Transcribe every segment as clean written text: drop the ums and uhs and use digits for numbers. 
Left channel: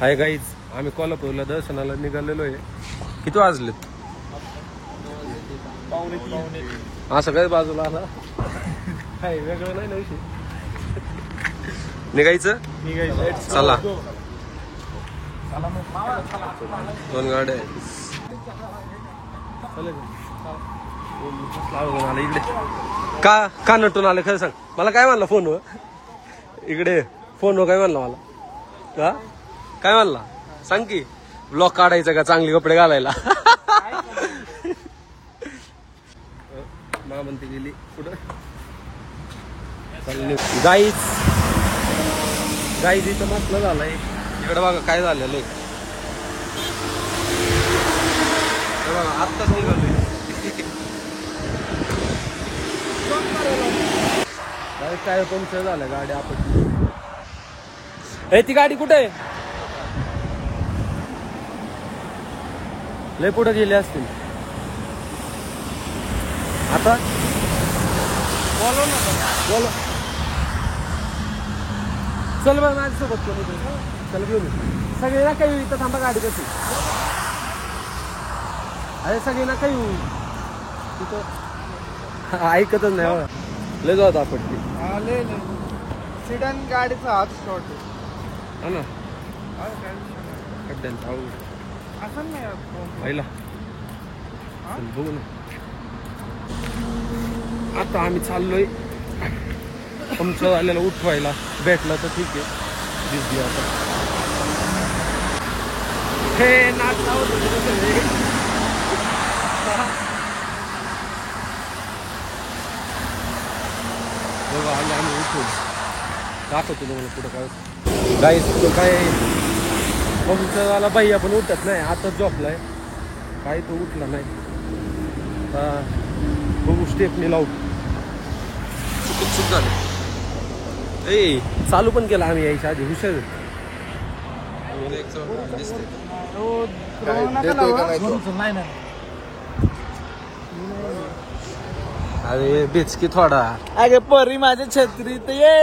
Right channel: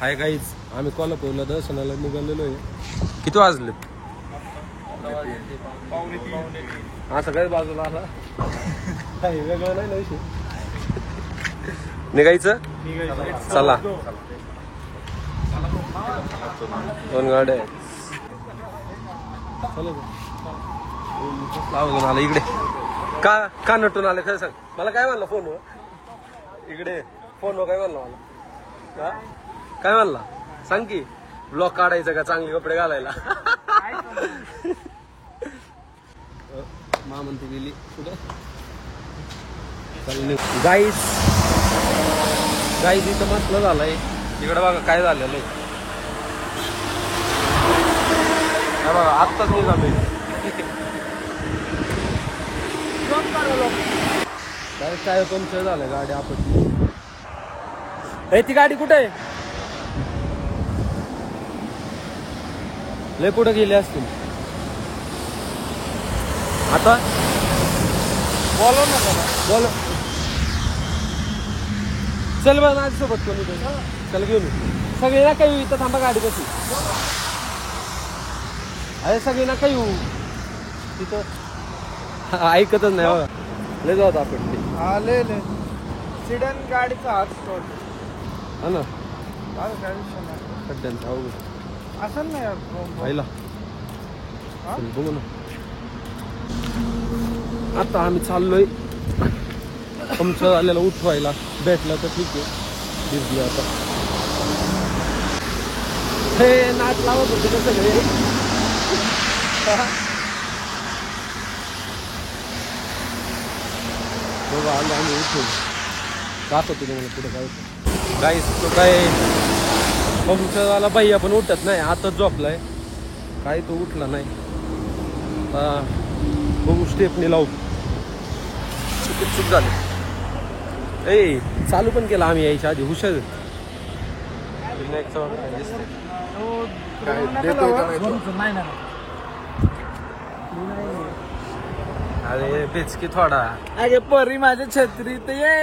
Hi guys, आम्ही कोल्हापूरला दर्शनाला निघालेलो आहे. किती वाजले? असं काही बाजूला आला काय वेगळं नाही ना विषय. निघायचं चला. 2 गाड्या लावून आला इकडे. का नटून आले खरं सांग मला. काय म्हणला फोनवर? इकडे फोनवर काय म्हणला मला? का काय म्हणला सांग की. ब्लॉग काढायचा का चांगले कपडे घालायला? मा म्हणते गेली कुठं. गाईज इथं मसला झालाय. इकडे बघा काय झालेलं आहे. बघा आत्ताच निघालोय. काय पंक्चर झालं गाडी आपटली. ती गाडी कुठे आहे? लय पुढे गेले असतील आता. बोल चल बघ माझ्यासोबत कोणी. चल घेऊन सगळे ना काही इथं थांबा. गाडी कशी अरे सगळे ना काही तिथं ऐकतच नाही बघा. लय जात आपटली. सिडन गाडीचा हात हा ना. खड्ड्यांचा अवघड पाहिला. बघू ना आता आम्ही चाललोय. आमचं आलेला उठवायला भेटला तर ठीक आहे. दिसली आता हे नाच लावत होते कसं रे. बघा आले आम्ही उठून दाखवतो तुम्हाला पुढं काय होतं. गाईस तो काय आमच्यावाला बाई आपण उठत नाही. आता झोपलाय काय तो उठला नाही. आता बघू स्टेपनी लावू. चूक झाली. चालू पण केला आम्ही यायच्या आधी. हुशार अरे बेचकी थोडा. अरे परी माझ्या छत्रीत ये.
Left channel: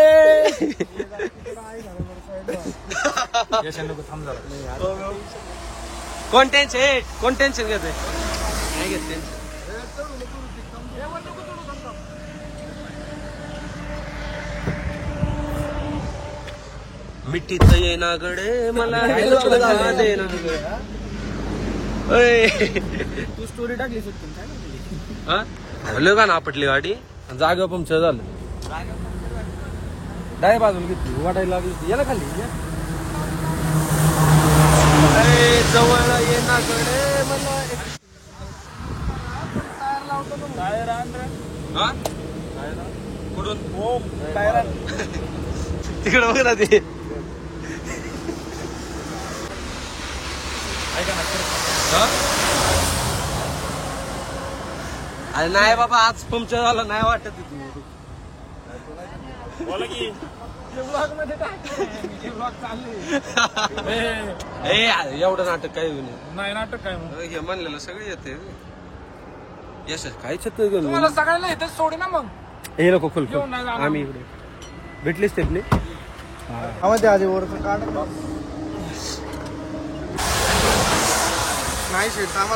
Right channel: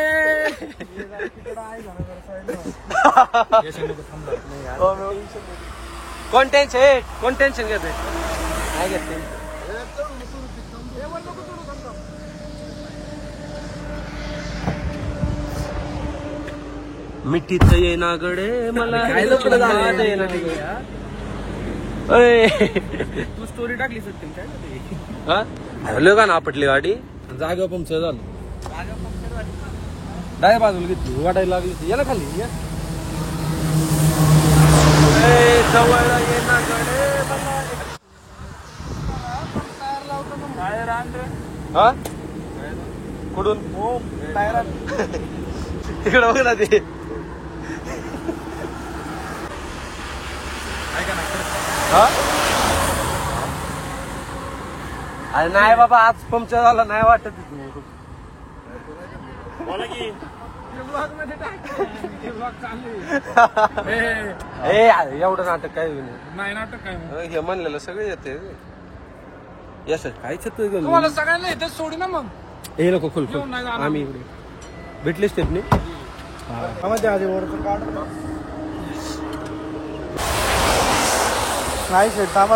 कोण टेन्शन घेते? काय घेते? मिठीत ये ना गड तू स्टोरी टाकली सत्य काय हरलो का ना आपटली गाडी. जागा पंक्चर झालं. डाय बाजूला घेतली वाटायला लागली. या ना खाली जवळ ये ना हा कुठून तिकडे बघ ना ते. अरे नाही बाबा आज पंक्चर झालं नाही वाटत. तू एवढं नाटक काय नाही. नाटक काय हे म्हणलेलं सगळे येते. यश काय छत सगळ्यांना इथे सोडी ना मग. हे नको खोल आम्ही इकडे भेटले स्टेपने. नाही शेट थांबा.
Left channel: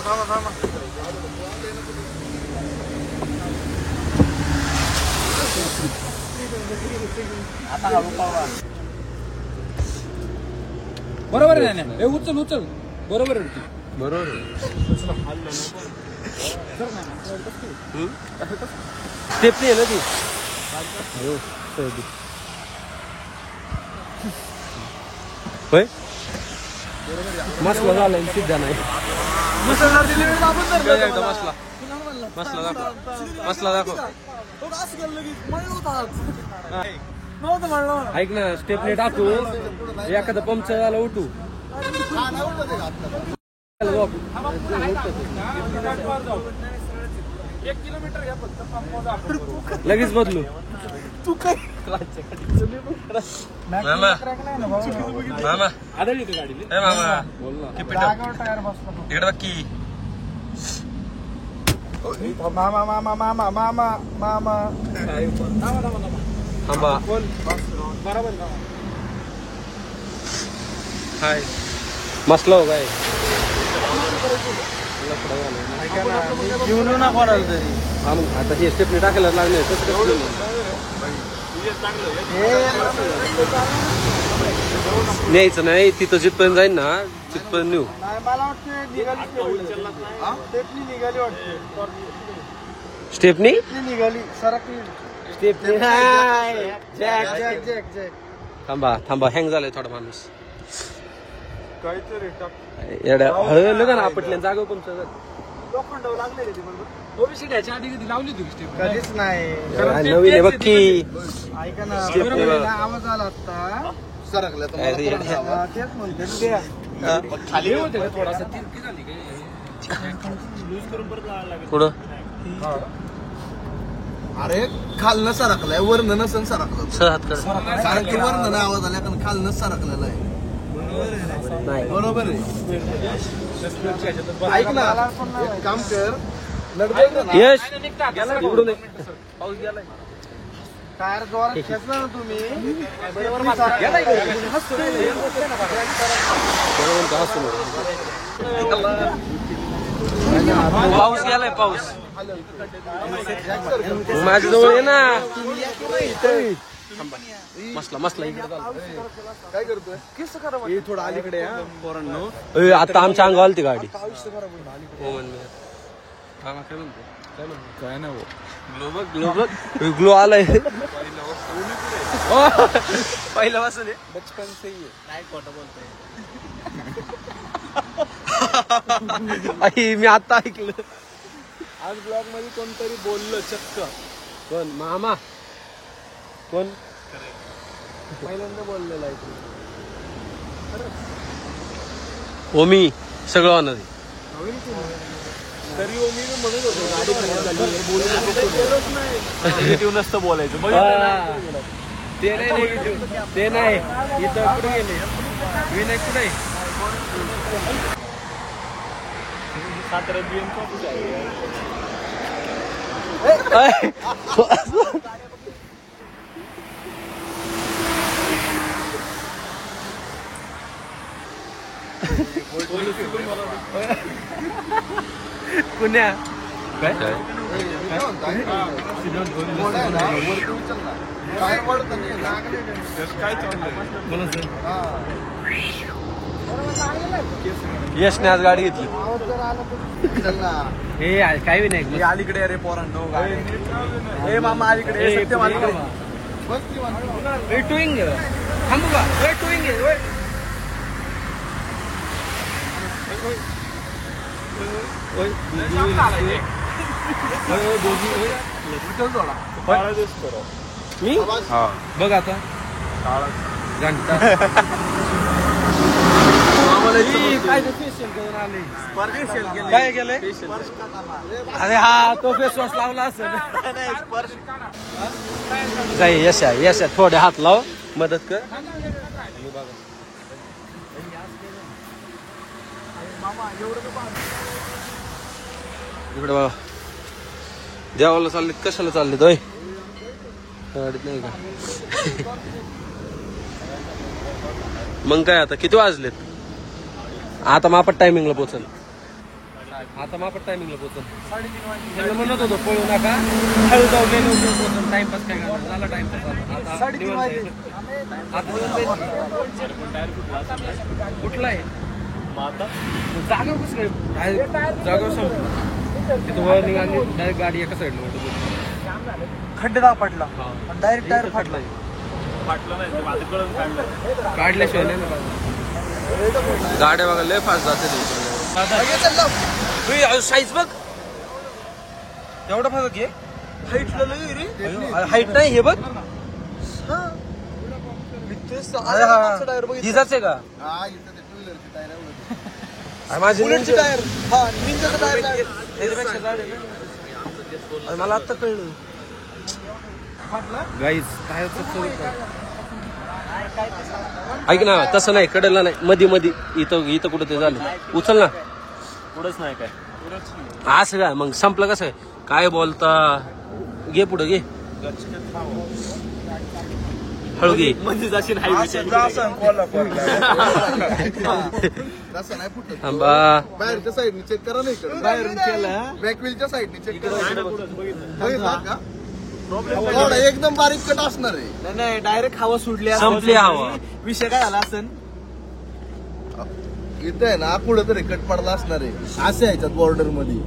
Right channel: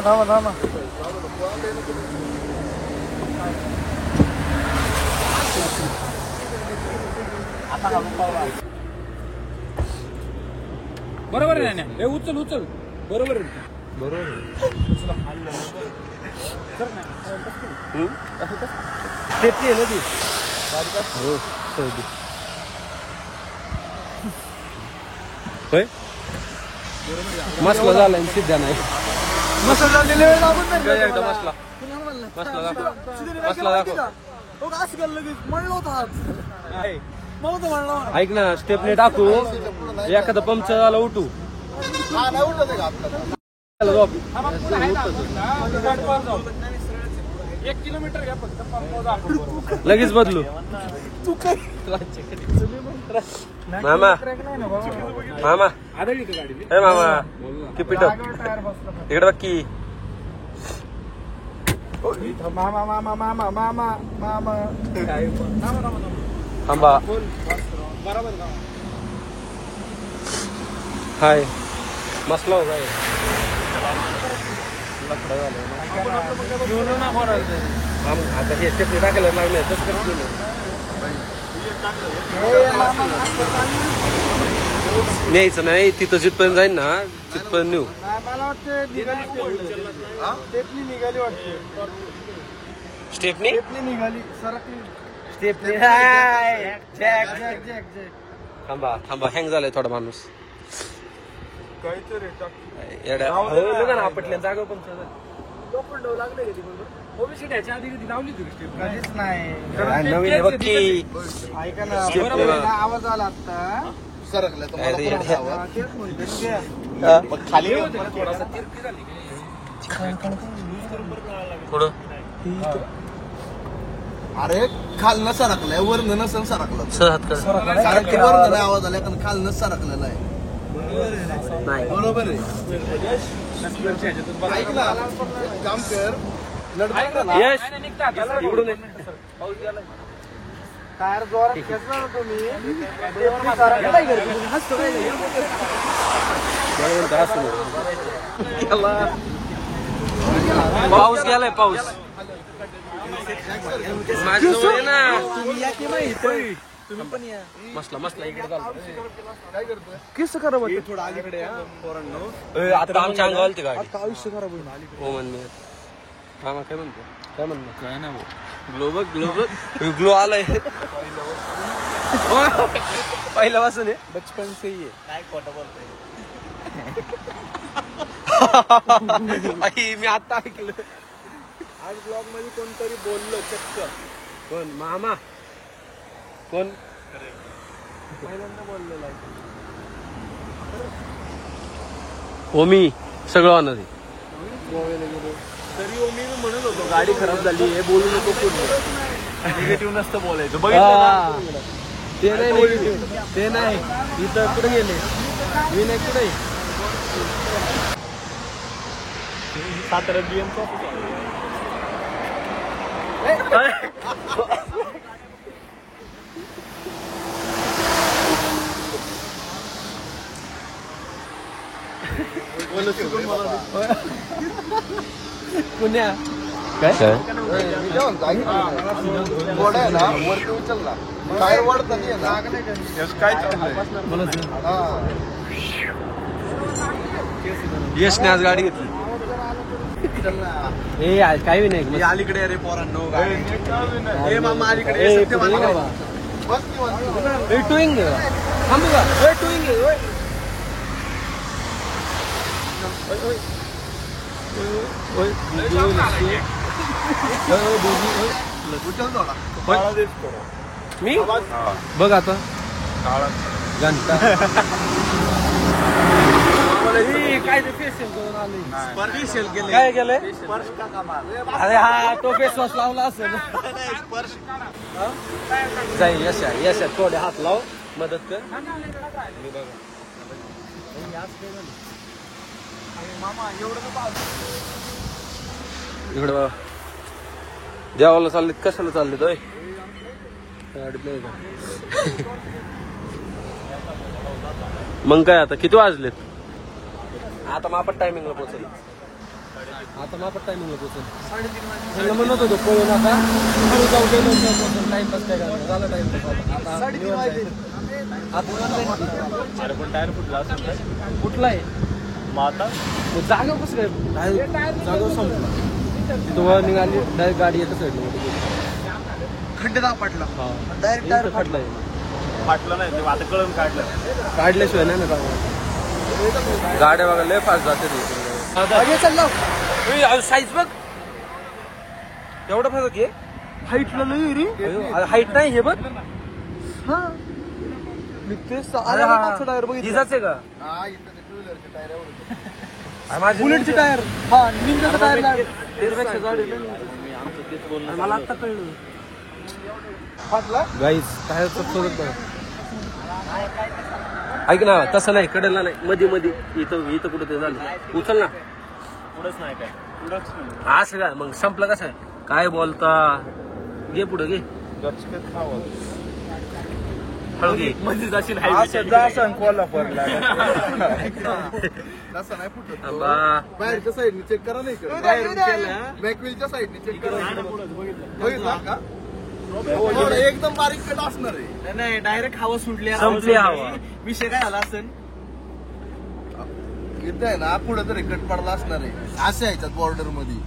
बरोबर आहे ना. उचल बरोबर आहे. स्टेपनी आहे ना ती. हो सर्दी होय. मसला झाला सिद्धा नाही. मसला दाखव. ऐक ना स्टेपने टाकू. एखादा पंक्चर झाला उठू. लगेच बदलू. मामा किपिट इकडे बाकी. थांबा. हाय मसलं हो काय लफडा झालाय ना. हा मग आता हे स्टेपने टाकायला लागले तसं कसं गेलं न्यायचं नाही तिथं जिथपर्यंत जाईल ना तिथपर्यंत नेऊ. स्टेपनी थांबा थांबा हँग झालाय थोडा माणूस येड्या आपटल्या जागो पण नवीन आहे बघ की आवाज आला आता खाली थोडासा पुढं अरे खालनं सरकलाय वरनं नसन सरकलं सारखं वरनं आवाज आला कारण खालनं सरकलेला आहे बरोबर आहे. ऐक ना काम कर इकडून टायर जोरात खेचला ना तुम्ही पाऊस गेलाय पाऊस माझ्या जवळ आहे ना मसला मसला इकडे काय करतोय किस करा थोडं अलीकडे आता आमच्या अंगावर आलती गाडी हो म्हण मी काय म्हणतो काय म्हणतो काय ना ग्लोबल ग्लोबल ग्लो आलाय पहिल्या वाजून बचपन से ही काय खोटं बोलतोय मी आता ऐकलं आज ब्लॉग मध्ये कोणतरी बोललं चक्क कोण मामा कोण पहिल्यांदा बोललेलं आहे ओमी सगळं होणार तरी मी म्हणत होतो गाडी खराब झाली हे बोलू नको कोणी निगेटिव्ह नसतं बोलायचं ते नाही निगेटिव्ह ते नाही इथं कुठे गेले विनायक कुठे सातारा बीएम पुण्या काय यशने आज गाडी घेतली हे काही नाही अलीकडे अरे पोरांनो गाडी हे मामा अलीकडे टूइंग थांबू का टूइंग मी बघ आता घंटा काय ते फेशियल करून आले काय केलंय अरे हा तो फेस वॉश लावला असेल काय यश यश थोडे हात लाव मदत कर इकडे बघा देवाला चाललीत कशाला चाललीत होय नाही का मग काय आता किती वाजलेत आता मापट टायमिंगला पोचल त्यांना म्हणत होतो पळू नका हळू जाऊ पोचल टाइमपास काय करणार झाला टाइमपास आता निवड जायचं आता निवड जाईल कुठला आहे जागा कसं काय जागा संपला तिथं वर निघाली डायरेक्ट गाडी एका साईडला मोठी खड्डे दाग पडला इथं खड्डा आहे काढल्याशिवाय नाही ना गाड्या बघा लय फास्ट जाते साईज बघ एवढा फरक आहे हाईट नाही हे बघ हिजाच आहे का माझं टायर मला आता कळलं गाईज ऐक ना तसं नाही कडला नाही मध्ये मध्ये इथं कुठं ते झालं उचल ना असं काय मग संपलं कसं काय बोलता घे पुढे घे हळदी म्हणजे जशी तसं नाही फुटत थांबा. बाहेरच्या साईडने चेक करा नाही इकडे बॅकव्हीलच्या साईडने चेक करा बघितला का थोडं एकदम बारीक कट असणार आहे नाही डायरेक्ट हवा सुटली संपली हवा. विषय काय झाला असेल इथं आहे ना पुढे तरी कट पडला असणार आहे असं याच्यात बॉर्डर मध्ये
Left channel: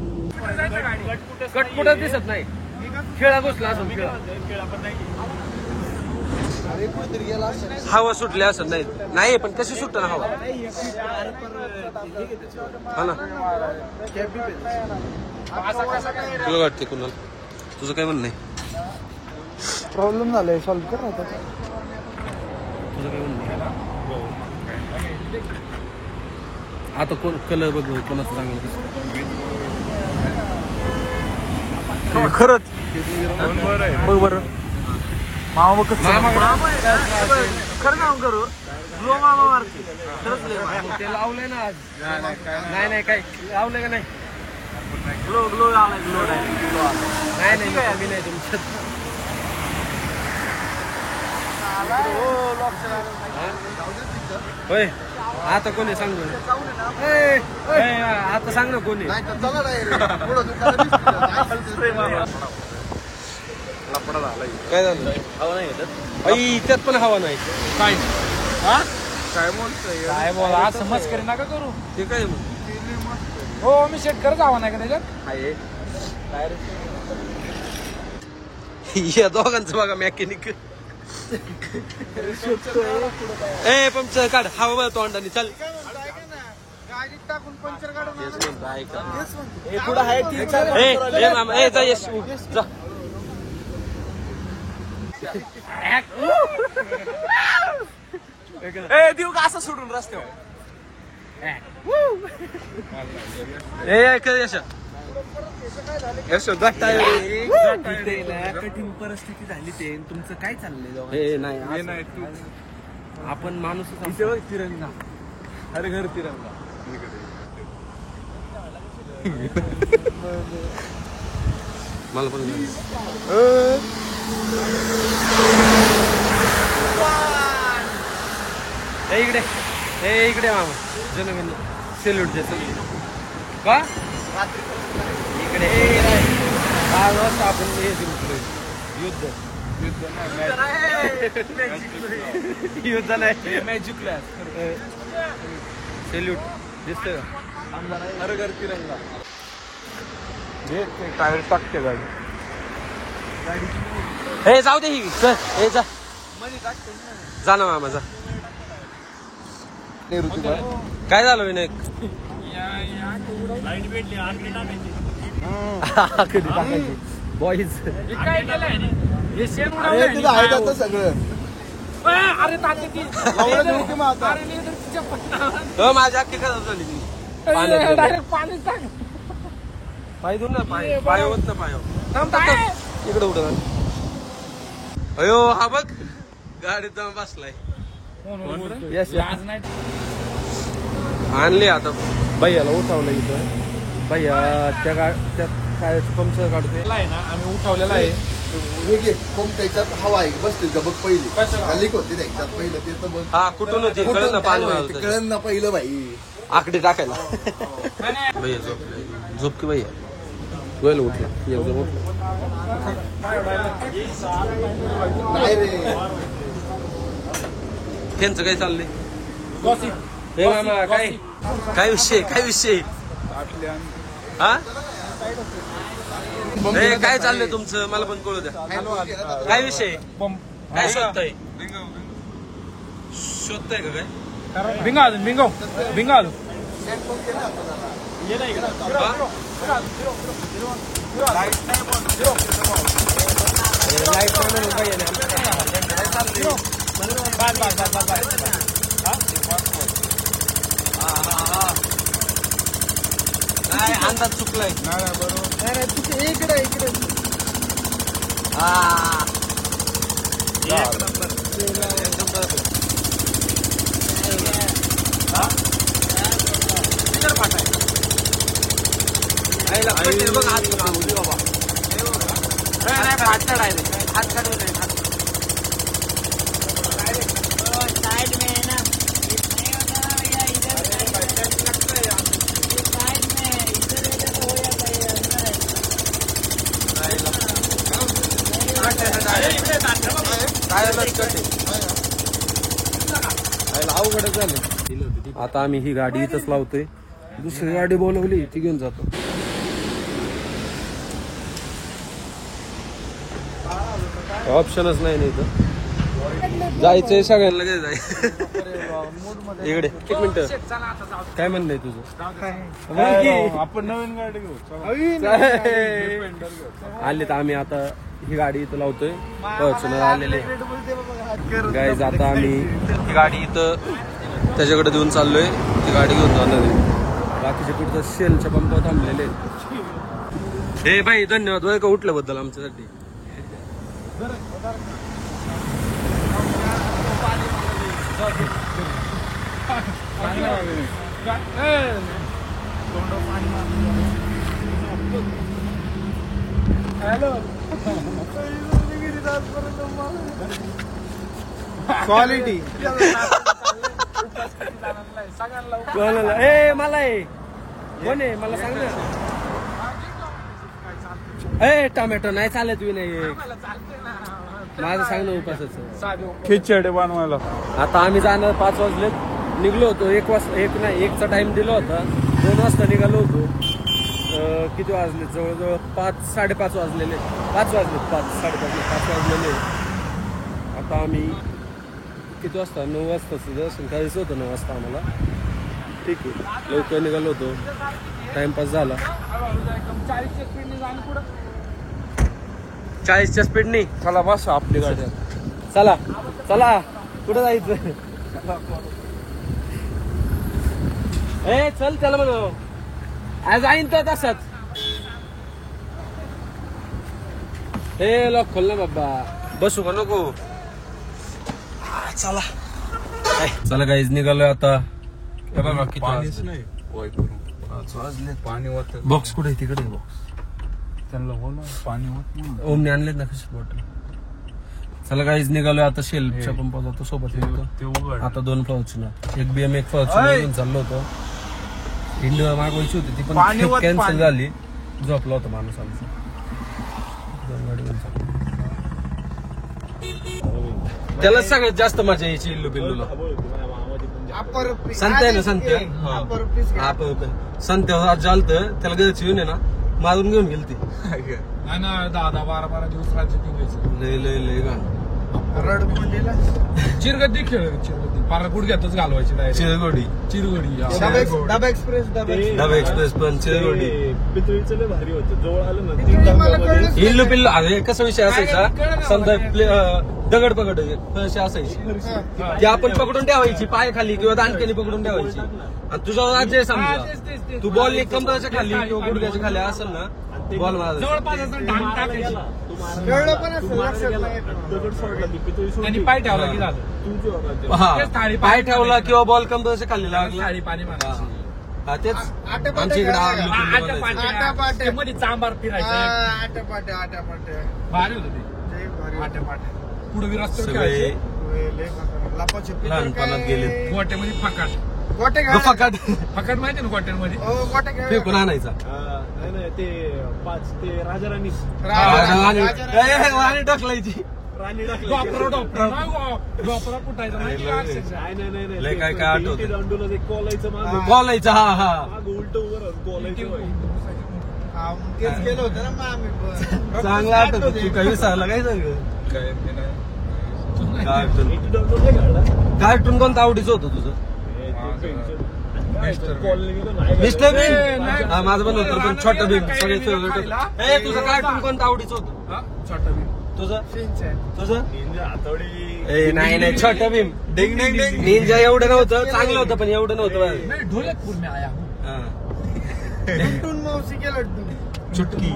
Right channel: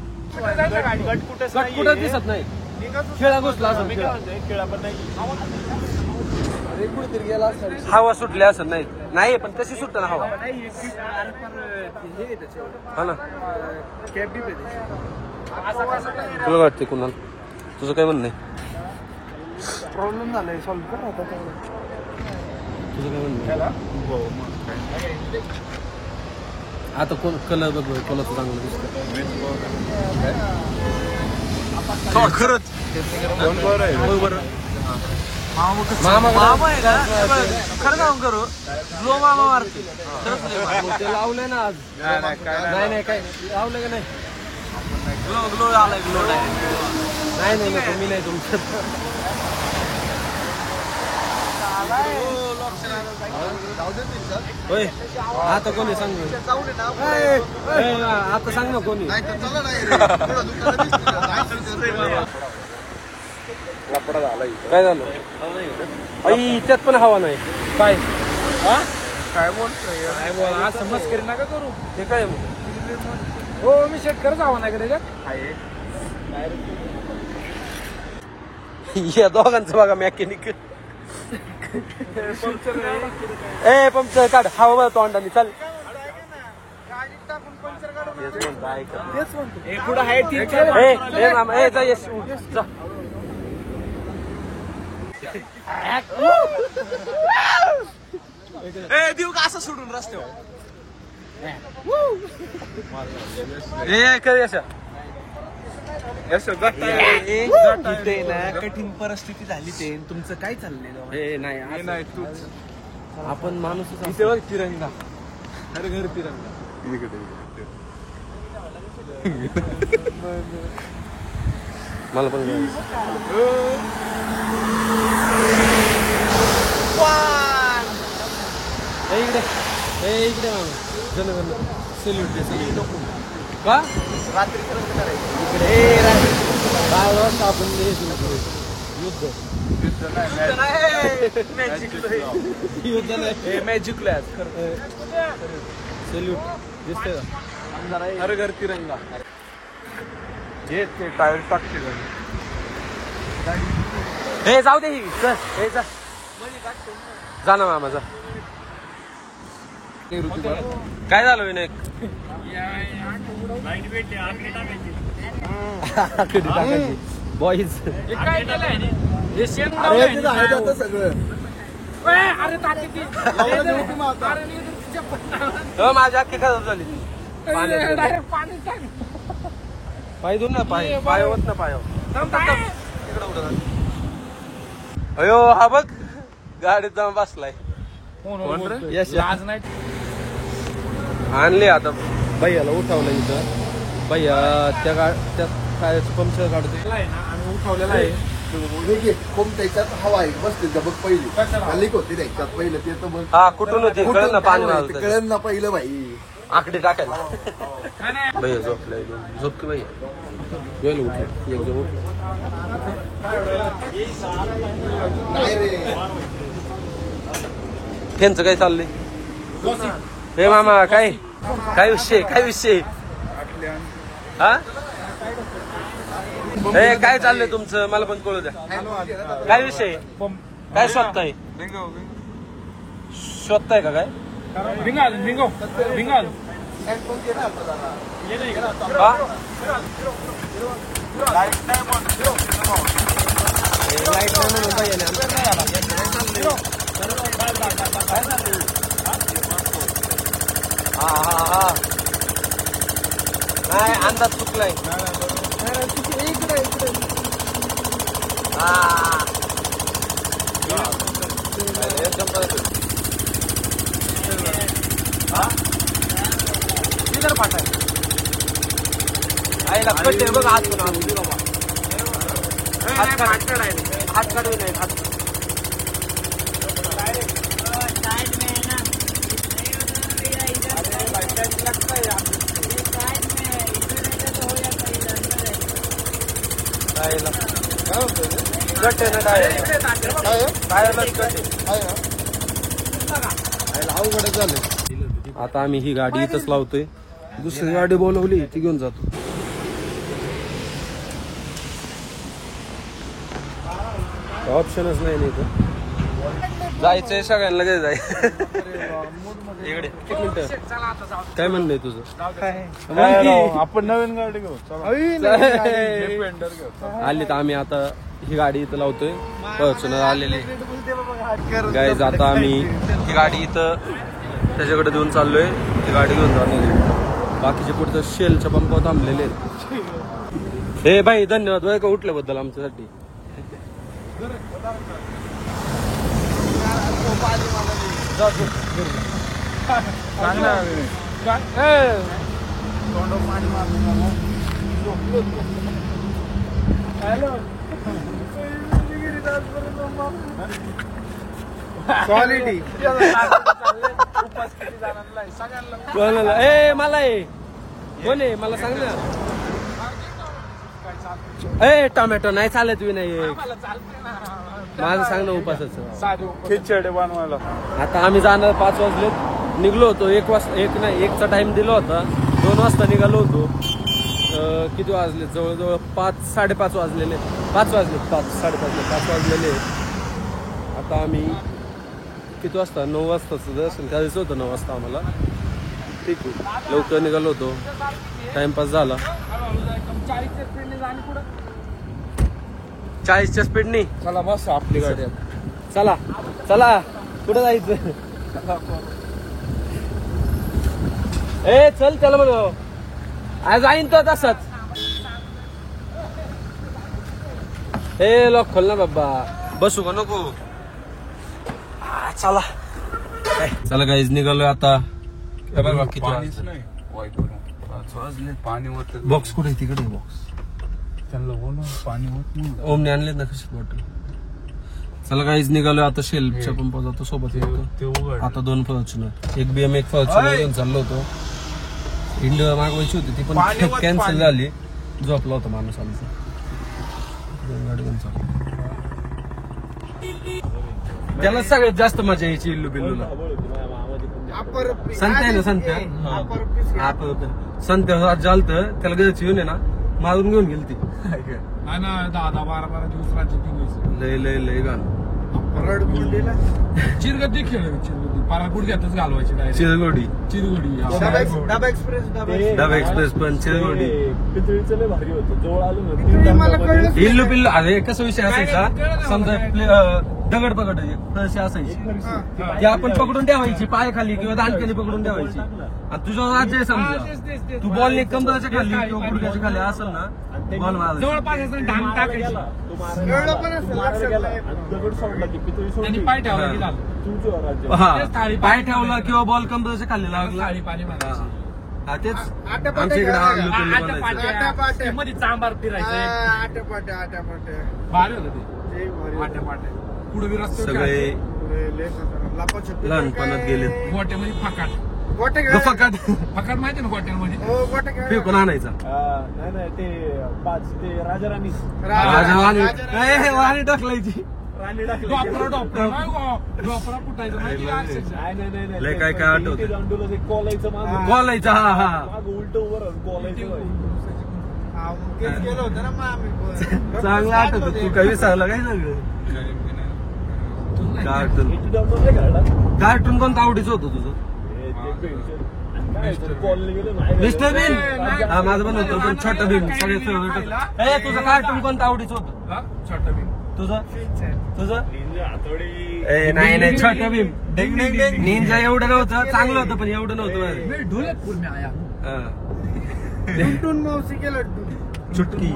कट कुठं दिसत नाही. खेळा घुसला असेल खेळा. हवा सुटली असं नाही. नाही पण कशी सुटत ना हवा. हा ना तुला वाटते कुणाल तुझं काय म्हणणं आहे. प्रॉब्लेम झालाय सॉल्व्ह कर आता तुझं काय म्हणणं आहे. आता कोण कलर बघ कोणाचं चांगलं दिसतं. खरंच खरं जाऊन करू ग्लो मामा मारतो खरंच ते लावलंय ना आज. नाही काय लावलंय का नाही. ग्लो आलाय ग्लो डायरेक्ट. नाही नको मी नाही तुमचं. होय आता कोणी सांग ना. आता सांग ना कोणी. लपडा झाला काय झालं. आई त्यात पण हवा नाही. काय काय म्हणतोय काय बोला आज समज करू नका करू ते काय मग. हो मी शेट करत हवा नाही का त्याच्यात या दोघांचं बघा मॅकॅनिक. ए पंक्चर काढ हवा बघा तोंडाने चल. तेच म्हणतो ऐका. मामा ए जा येस जा. देऊ का असं सोडून रस्ते कठीण परिस्थिती झाली ते तुमचं काय चाललंय. नाही आपण माणूस तिरंगा अरे घर तिरंगा मला पण इकडे मामा जनगण सेल्यूट चल इकडे का इकडे 5 वाजता आपण युद्ध नाही मॅजिक सेल्यूट दिसतंय का. अरे घर तिरंगा ते टायर टाकते गाडी. हे जाऊ दे ही चल हे जा ना मामा जा. काय झालं विनायक. कधी टाकायची बॉईज माझ्या अख्खी खराब झाली ती. पाय धुन ना पाय होत ना पाय इकडे उठ. अयो हा बघ गाडीत जाऊन बसलाय. आणले आता भैयाला उठवलं इथं. भैया त्या टायरचं पंक्चर काढतोय ना आम्ही उठवलेला आहे. त्याच्यात हवा आहे बसते बघ पहिली लीक होती त्याच्यात पहिलं ते तर बघ. हा कुठून होती कळलं ना पाणी कळलं ना पहिलं भाई आकडे टाकायला. भैया झोपलाय झोप की भैया जोयला उठलं एकदम उठलं. त्यांचं काय चाललंय. हे मामा काय विषय हा हे काय चाललंय तुमचं मला पण कळू द्या. काय विषय काय शोधताय का काय. भिंगा लाईट नाही म्हणून भैयाने आमचं हा नाही अंदाज चुकलाय. इकडे एकदम तिकडे पाठाय आईला कटे बघ हात बाबा हात काढू नाही हात अवघडच झालं. आता आम्ही ही गाडी इथंच लावतोय. दुसरी गाडी बोलवली ती घेऊन जातो. ऑप्शनच नाही ना इथं. जायचंय सगळ्यांना काय जाय. इकडे एक मिनिट काय म्हणणं आहे तुझं? आपण नवीन गाडी घेऊ. आले तर आम्ही आता ही गाडी इथं लावतोय. फॉर्च्युनर आलेले गाईज. आता आम्ही ही गाडी इथं त्याच्याकडे देऊन चाललोय. ती गाडी घेऊन जाणार आहे. बाकीचे पुढचं शेलच्या पंपावर थांबलेले. हे भाई धन्यवाद बरं का उठल्याबद्दल आमच्यासाठी. हॅलो क्वालिटी ए मला कोण आहे मला सांग ना. ए टोमॅटो नाही चालत विनायक. माझं सांग ना उपासाचं. आता आम्ही जाणार 5 वाजले. निघलो होतो 1 वाजता. 1चा टाइम दिला होता. 2 वाजता निघालो होतो. किती वाजले? जवळजवळ 5-5:30 वाजलेले. 5 वाजले. 5-5:30 वाजलेले. आता आम्ही किती वाजता? 9 वाजता दर्शन करायचं होतं. 9 वाजता आम्हाला. ठीक आहे लवकर निघालो होतो. टाइमपास झाला. 40च्या स्पीडने चला बस आपली गाडी. चला चला कुठं जायचं? ए चल त्याला म्हणू. आज जाईन तो तसाच. ए लॉक खोल ना बाबा. बसू का नको? चला चला गाईज निघालोय आता. बॉक्स कुठे? तिकडे बॉक्स. ओमने आणलेत ना कशी बॉटल. चला गाईज निघालोय आता. शेलच्या पंपावर जातो सोबत. आता 2 फॉर्च्युनर, एक BM, एक फॉर्च्युनर घेऊन चाललो होतो. इंडिया मागवायची होती ती पण कॅन्सल झाली. झोपला होता माणूस आमचा. 2 गाडी घेऊन चाललो. त्याला सगळ्यात जास्त मजा यायची इल्लू बिल्लूला. संत्या आहे ना संत्या. संत्या जालत त्याला घ्यायची येऊन आहे ना मारून घेऊन गेली ती. 10-12 दिवस लय लय लय गाणं. चिरगड्डी खेळ. चिरगड्डी पारा गुडघ्यातच घालवायची. चिरगोडी डबा एक्सप्रेस पण चिरगोडी. भारी होतं. जवळ आलं ना इल्लू पिल्लू. अरे कसा विषय असायचा? समजा दगड पकड असायची ती आपण पकडून ठेवायची पायाखाली किंवा दांडक्याने पकडून ठेवायची. आणि तुझा राज्य समजा तू बॉल कमराच्या खाली किंवा गुडघ्याच्या खाली असेल ना बॉल मारायचा. जवळपास असं ढांग टाकायचं. दगड सोडला की पाय ठेवला की झालं. हा पाय ठेवला किंवा बॉल कमराच्या खाली लागला. थाळी पाणी मारायचं. हा तेच आमच्या इकडे मध्ये चांबार फिरायचं. भारी होतं ते. पुढे बी रस्ते सगळे लहानपणात गेले. गोट्यामध्ये फकाट. फकाट माहिती ना गोट्यांमध्ये फेकून आणायचा. नाही ते 5 ते राजाराणी वाणी टाकलायची. डॉपरा कुठायचं लय काय काय आठवत. दांडूला कोलायचं बोलायचं. हा हा उलट उभं गेलो होतं ना. चांगलं आठवत. तू काही विसरला काय सांग. कार्टून कोणतं आवडीचं होतं तुझं? मिस्टर भीम. हा माझं पण होतं पण छोटं भीम सगळ्यात फेवरेट. तुझं कार्टून कोणतं आवडीचं होतं? छोटा भीम. तुझं नाही नाही छोटं भीम. निंजा एवढं नव्हतं. चांगलं होतं पण एवढं नव्हतं. मावशी केलं चुटकी.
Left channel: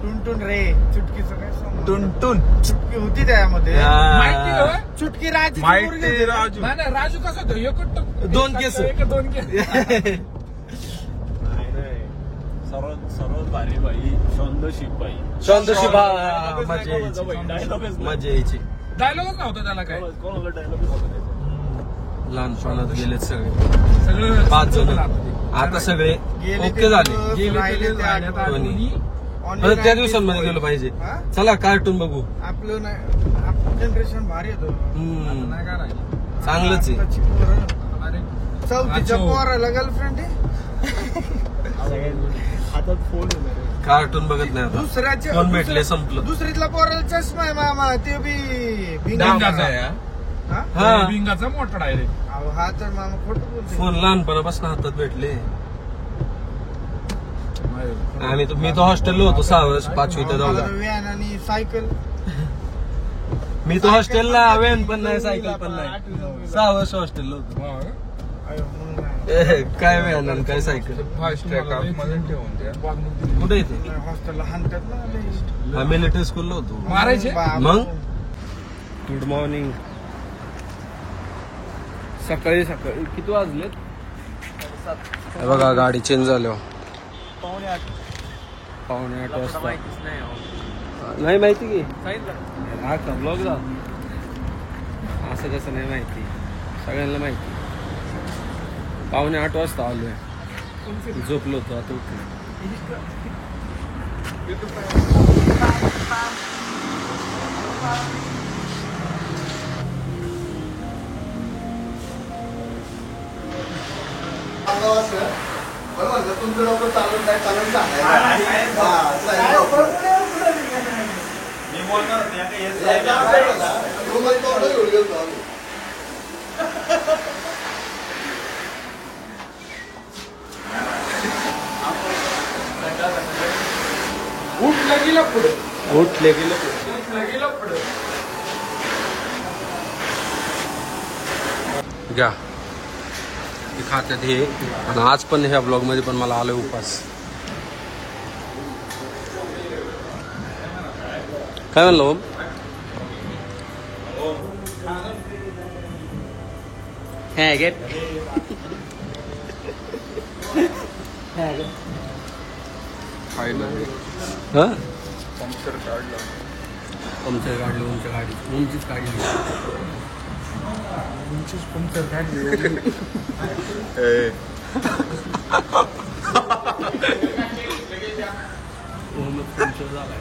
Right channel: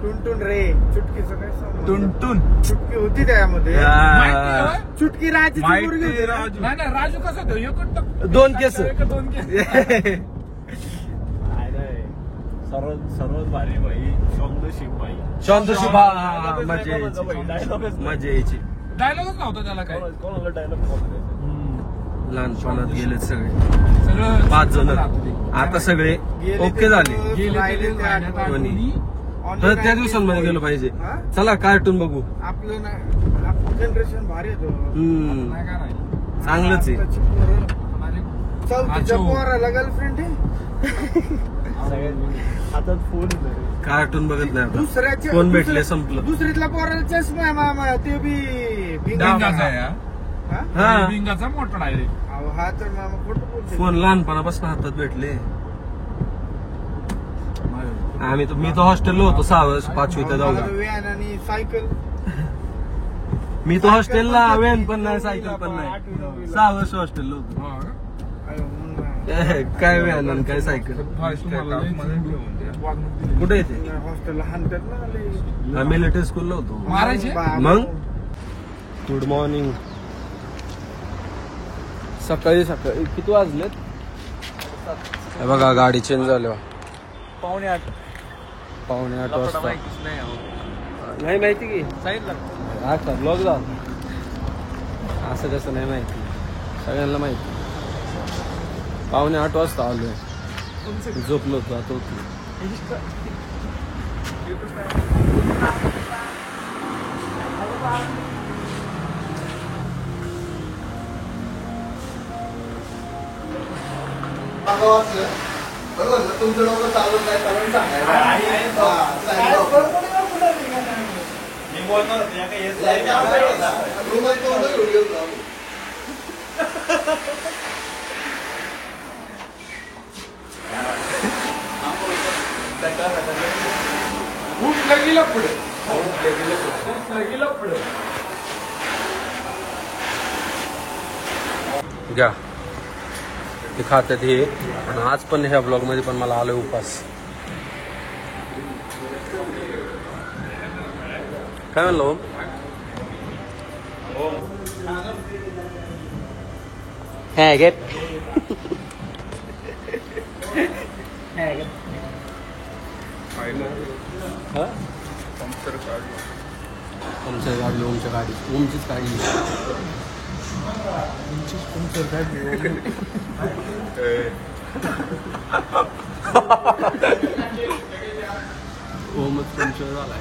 टुनटुन रे. चुटकीचं काय सांगू? टुनटुन चुटकी होती त्यामध्ये. चुटकी राजू. राजू कसं होतं? 2 केस. 2 केस. सर्वात भारी बाई शांतशी मजा यायची. डायलॉगच नव्हता त्याला काय. लहानपणात गेलेत सगळे 5 जण. आता सगळे ओके झाले. त्या दिवसांमध्ये गेलो पाहिजे. चला कार्टून बघू. आपलं नाही, आपलं जनरेशन भारी येतो. चांगलंच आहे. चौथीच्या पोराला गर्लफ्रेंड आहे. आता फोन कार्टून बघत नाही आता. दुसऱ्याचे फोन भेटले संपलं. दुसरीतला पोराला चष्मा आहे मामा, ते बी भिंगाचा आहे हा भिंगाचा मोठा डायरेक्ट. हा तर मामा खोटं बोलतो. फोन लहानपणापासून हातात भेटले. मी तर हॉस्टेलला होतो 6 वर्ष 5वी ते 10वी. व्हॅन आणि सायकल. मी तो हॉस्टेलला व्हॅन पण नाही सायकल पण नाही. 6 वर्ष हॉस्टेलला होतो. काय व्हॅन आणि काय सायकल. कुठे येते. हॉस्टेलला हाणतात ना. मिलिटरी स्कूलला होतो. मारायचे मग. Good morning. सकाळी किती वाजलेत. हे बघा गाडी चेंज झाली. 7:45 वाजता. नाही माहिती की हा ब्लॉग जा. असं कसं नाही माहिती, सगळ्यांना माहिती. 7:45 वाजता आलोय. झोपलो होतो आता उठलो. तुमचं लोक चालून काय चालून सांगायचं. उठलं गेलं पुढे. घ्या ते खात्यात हे. आणि आज पण ह्या ब्लॉग मध्ये पण मला आलोय उपास. काय म्हणलं ओम. पंक्चर काढलं ओमच्या गाडी. ओमचीच काढली. पंक्चर काढली. ओमच पंक्चर झालाय.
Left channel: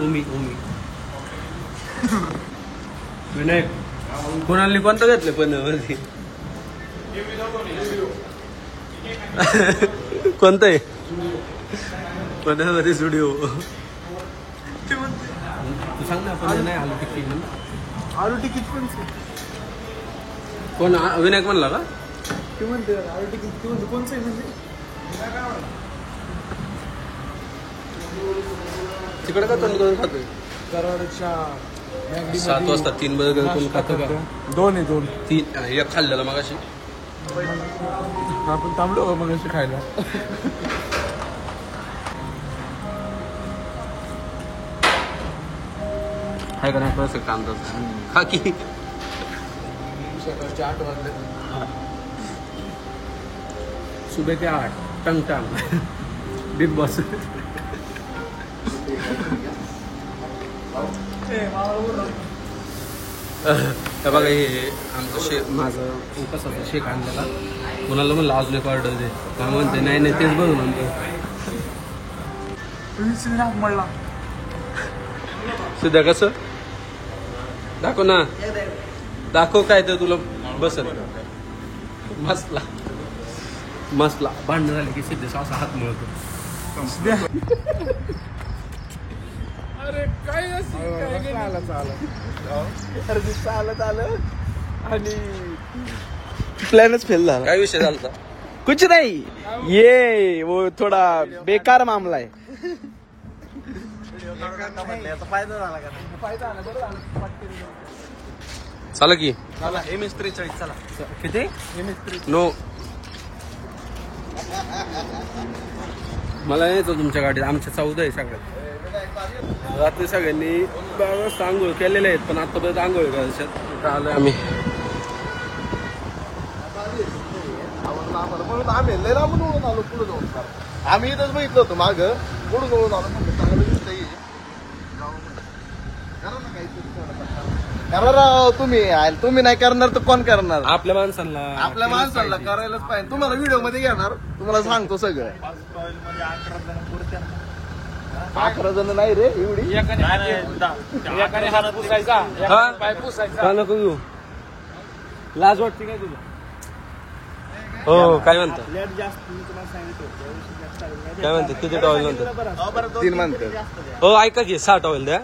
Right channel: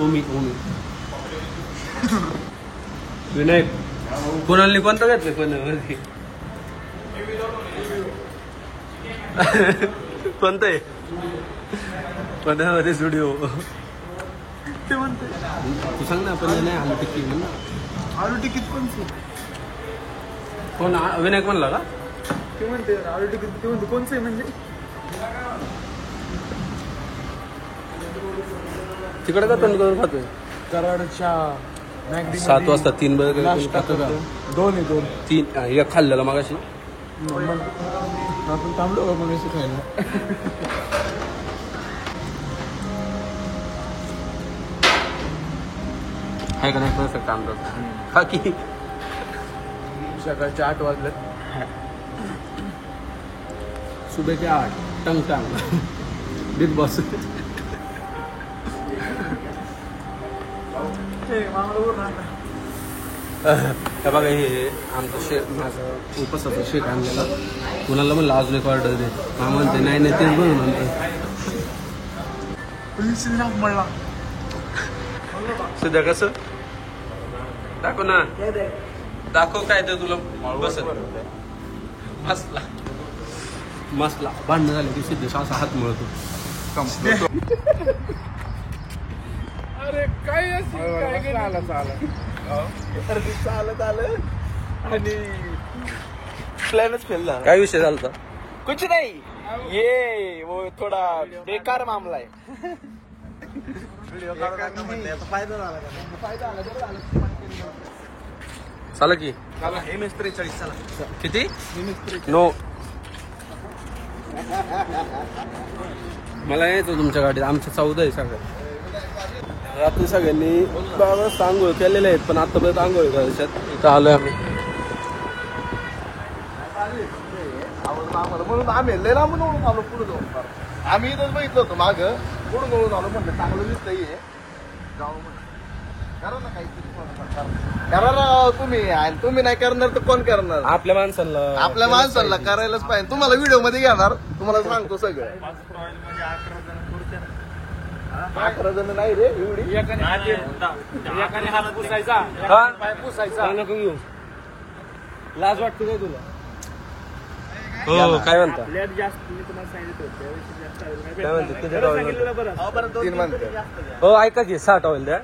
ओमी विनायक कोणाला कोणतं घेतलं पण वरती. कोणतं आहे पण्यामध्ये स्टुडिओ. ते म्हणते तू सांग ना. पण नाही आलू टिक्की म्हणून. आलू टिकीट पण कोण विनायक म्हणला का. ते म्हणते आलू टिकीट. ते म्हणते कोणचं आहे म्हणजे. तिकडे का पण करून खातोय. कराडच्या 7 वाजता 3 बर्गर कोण खातं का. 2 एक खाल्लेला मागाशी. आपण थांबलो मग खायला. हाय का नाही परफेक्ट अंदाज. खा की. सकाळचे 8 वाजले. सुबह के 8 टंग बिग बॉस. हे बघा हे आमचं माझं उपासाचा शेक आणलेला. कोणाला म्हणलं अजून एक ऑर्डर दे. हा म्हणते नाही तेच बघू म्हणतो. म्हणला सध्या कसं दाखव ना. दाखव काय तर तुला बसत. मसला भांडण झाले की सिद्धेश असा हात मळतो. अरे काय चालत आलं आणि प्लॅनच फेल झाला. काय विषय झाला. कुछ नाही. ये वो थोडा बेकार मामला आहे. चला की. MS43 चला. किती नो. मला यायचं तुमच्या गाडीत. आमच्या 14 आहे सगळ्या. रात्री सगळ्यांनी बाबा आंघोळ केलेले आहेत पण आतापर्यंत आंघोळ करायच्यात. इथं आलोय आम्ही. आम्ही लय लांब निवडून आलो. पुढे जाऊन आम्ही इथंच बघितलं होतं माग. पुढे जवळ आलो म्हणलं चांगलं दिसतंय. कारण तुम्ही नाही करणार तर कोण करणार. आपल्या माणसांना करायलाच पाहिजे. तुम्हाला व्हिडिओ मध्ये घेणार. तुम्हाला सांगतो सगळं. 11 जण नाही रे एवढी. हा पुसायचा नको घेऊ. लाज वाटते काय तुला? हो काय म्हणता? काय म्हणते किती टॉवेल म्हणतात? 3 म्हणते. हो ऐका की 6 टॉवेल द्या.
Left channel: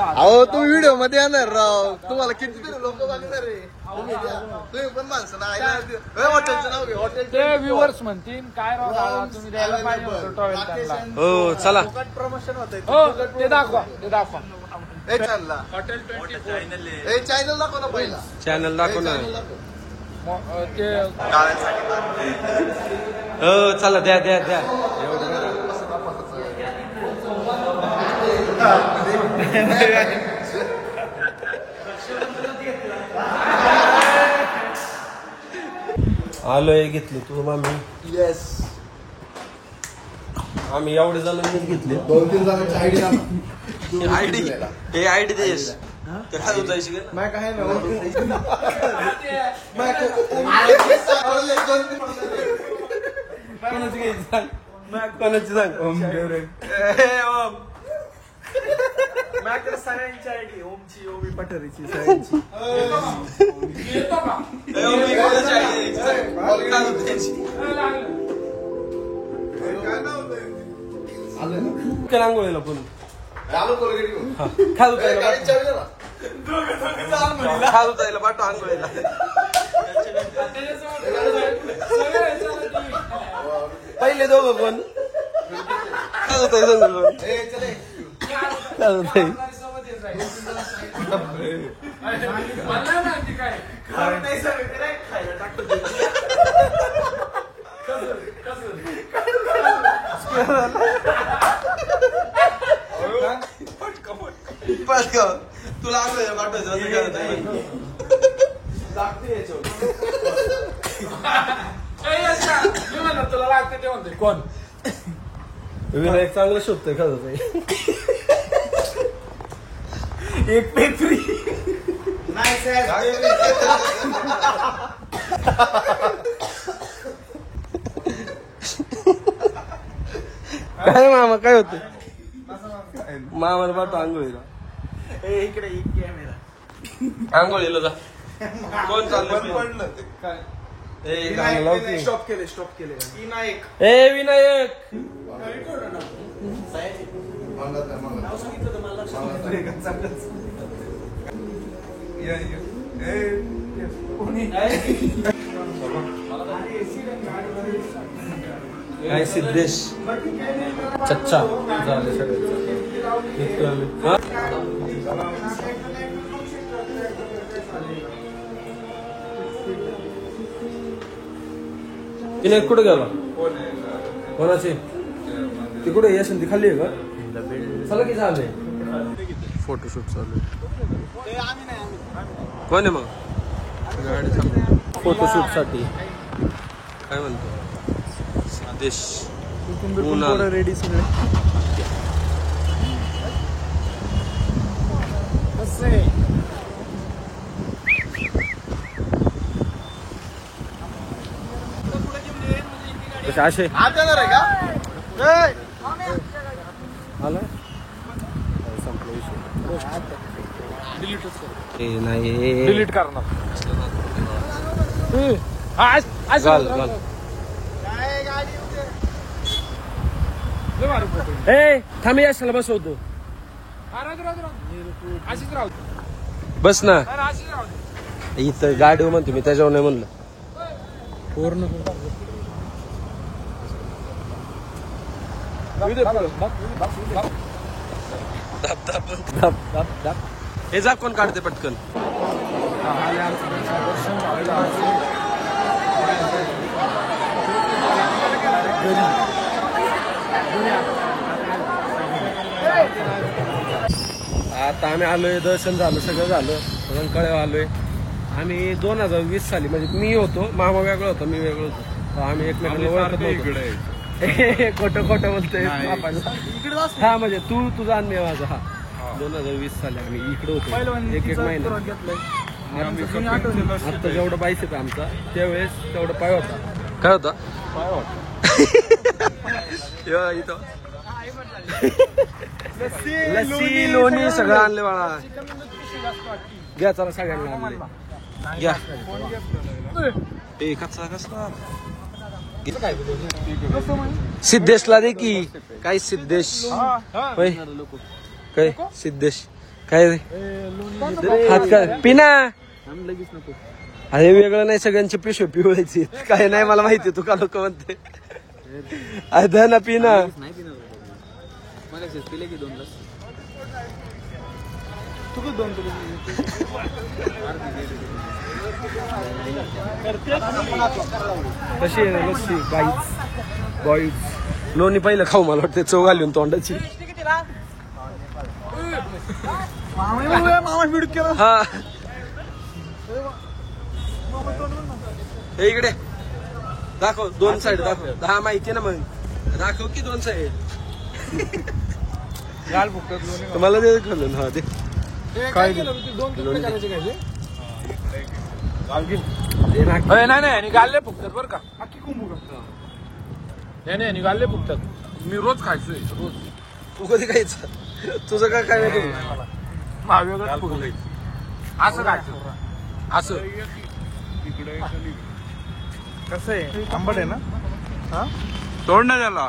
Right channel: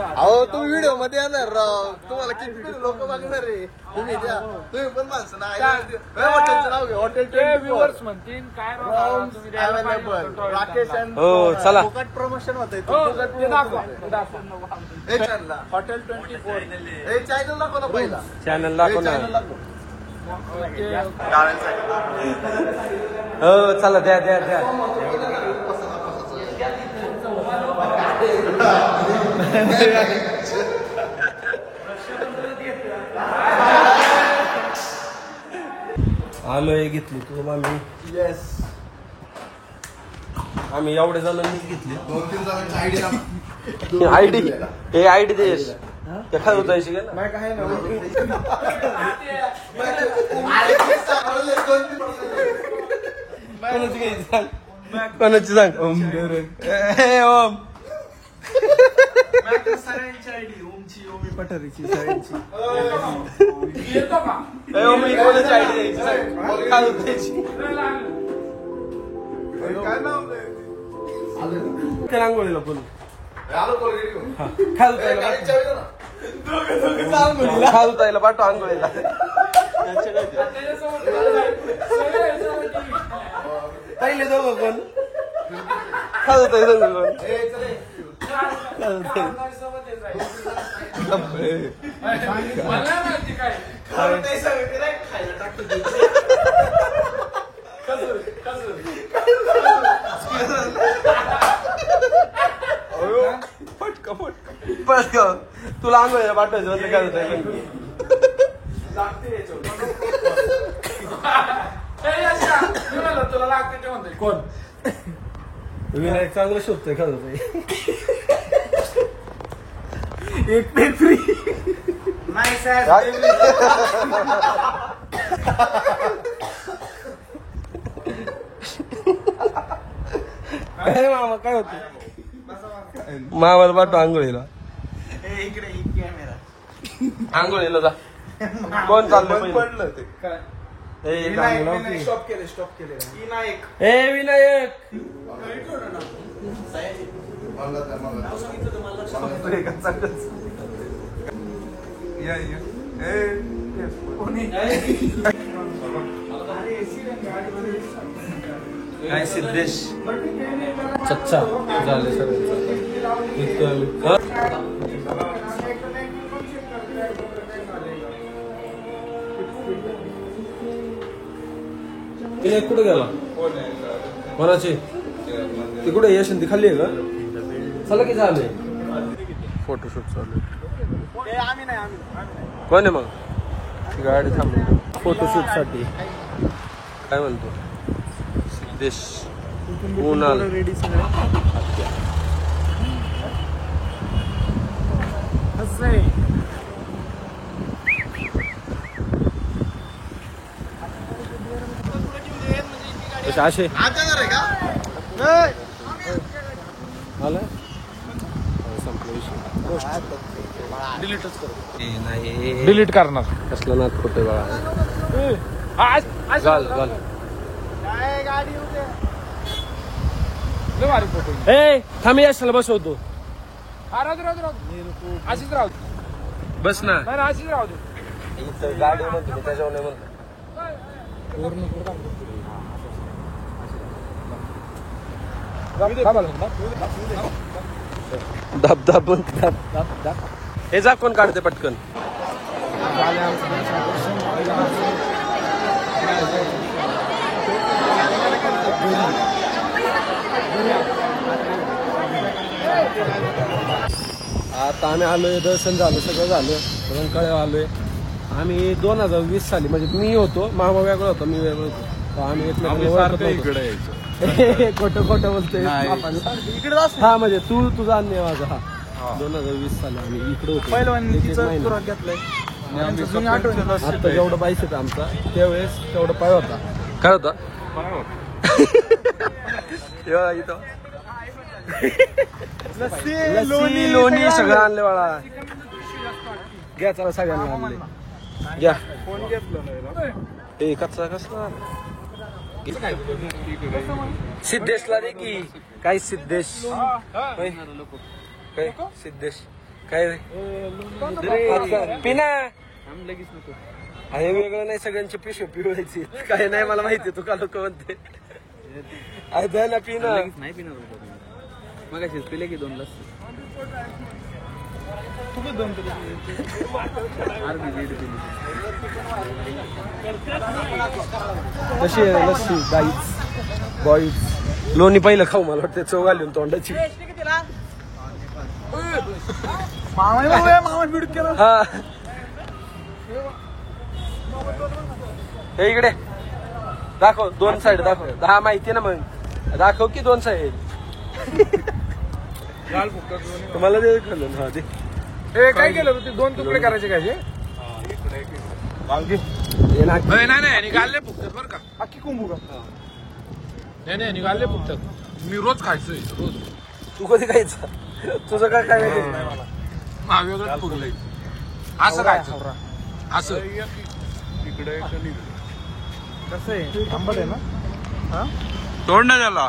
अहो तुम्ही व्हिडिओ मध्ये येणार राव. तुम्हाला किती लोक बघणार रे. तुम्ही पण माणसं ना. हॉटेलचं नाव घे. हॉटेलचे व्ह्युअर्स म्हणतील काय राकेश. हो चला प्रमोशन होते. हॉटेल 24 चॅनल दाखव ना पहिला. चॅनल दाखव ना. हो चला द्या द्या द्या. आलोय घेतली तुझं मालू. येस. आम्ही एवढे जणांनीच घेतले. 2-3 जणांची आयडी आयडी हे आयडी देस ते काय उतायची का नाही काय ना. कोणाची सांग. ओम ओम पठारीची सगळ्यांची. आंघोळीला पण खालूतायला पाठव आंघोळीला. पहिले दोघं पण खालूताई सगळं खालूताई. तुला आंघोळीला पाठवायचं होतं काय होतं. कोण विनायक चांगलं शोधतोय का होतं. एक पेपरी नाही साहेब. काय मामा काय होतं. मामाला पाठव आंघोळीला. आंघोळीला जा. कोण चाललंय स्टॉप केले. ए विनायक काय सिद्धेश चच्चा झाले सगळ्यांचा. विनायक कुठे गेला. कोणाची ती कुठे यशवंती खाल्ली आहे का. चला की झालंय फोटोशूट चालू आहे. कोण आहे मग गाडी थांबली फोटोशूट साठी. काय म्हणतो सिद्धेश. रेडी सगळे. असे आला संपला विषय. डिलीट करणार. कसलं नाही चाल चाल. ए थांबी असायला बसवतो. बस ना इथं गाडी म्हणतो मी त्याच्यावर नाही म्हणलं. पूर्ण दाब दाब दाब दाब दाब. हे जा कोण काढते पटकन. आता आम्ही आलोय. दर्शन झालं सगळं झालं. रंकाळ्यावर आलोय आम्ही. 2020 साली म्हणजे मी होतो मामा वेगळा होता मी वेगळं होतो. तर आम्ही एकमेकांना ओळखत नव्हतो. खोटं खोटं बोलतोय. हा म्हणजे तू तुझा अन्य माझा. हा 2020 साली आम्ही इकडे होतो एक महिना. आता जेवढं बाईस येतं आमचा त्यावेळेस तेवढा पाय होता. काय होता इथं लस्सी लोणी सगळं आणले बाळा. घ्या चला सगळ्यांना आणले घ्या. कसा कसला सिद्धेशला दे की. काय सिद्धेश काय सिद्धेश काय पिना हे वेगळं नाही. सगळ्यांचे पिशवे पिवायची काय नाही मला माहिती. तू का लोक म्हणते ना पिना नाही पिणार मग पिले की 2 लस्सी. तुम्ही 2 पिले कशी आहे लस्सी गाईच बॉईज. लोणी पहिलं खाऊ मला वाटतं चव घालून तोंडाची. हा हे इकडे दाखव 2 साईड दाखव. हा माहिती ना मग दाखव की 2 साईड. तुम्हाला ते खाल्लं हा ते काय केलं ते 2 तुकडे करायचे काय नाही निघाले फुकतात बरं का. अख्खी कुंभू का नाही निघाले फुकतात. मी रोज खायचोय रोज. तू कधी खायचं तुझं काय काय माहिती. वेगळंच फुगलंय असं खायचं असं. इकडे कसं आहे आंबट आहे ना. तोड ना त्याला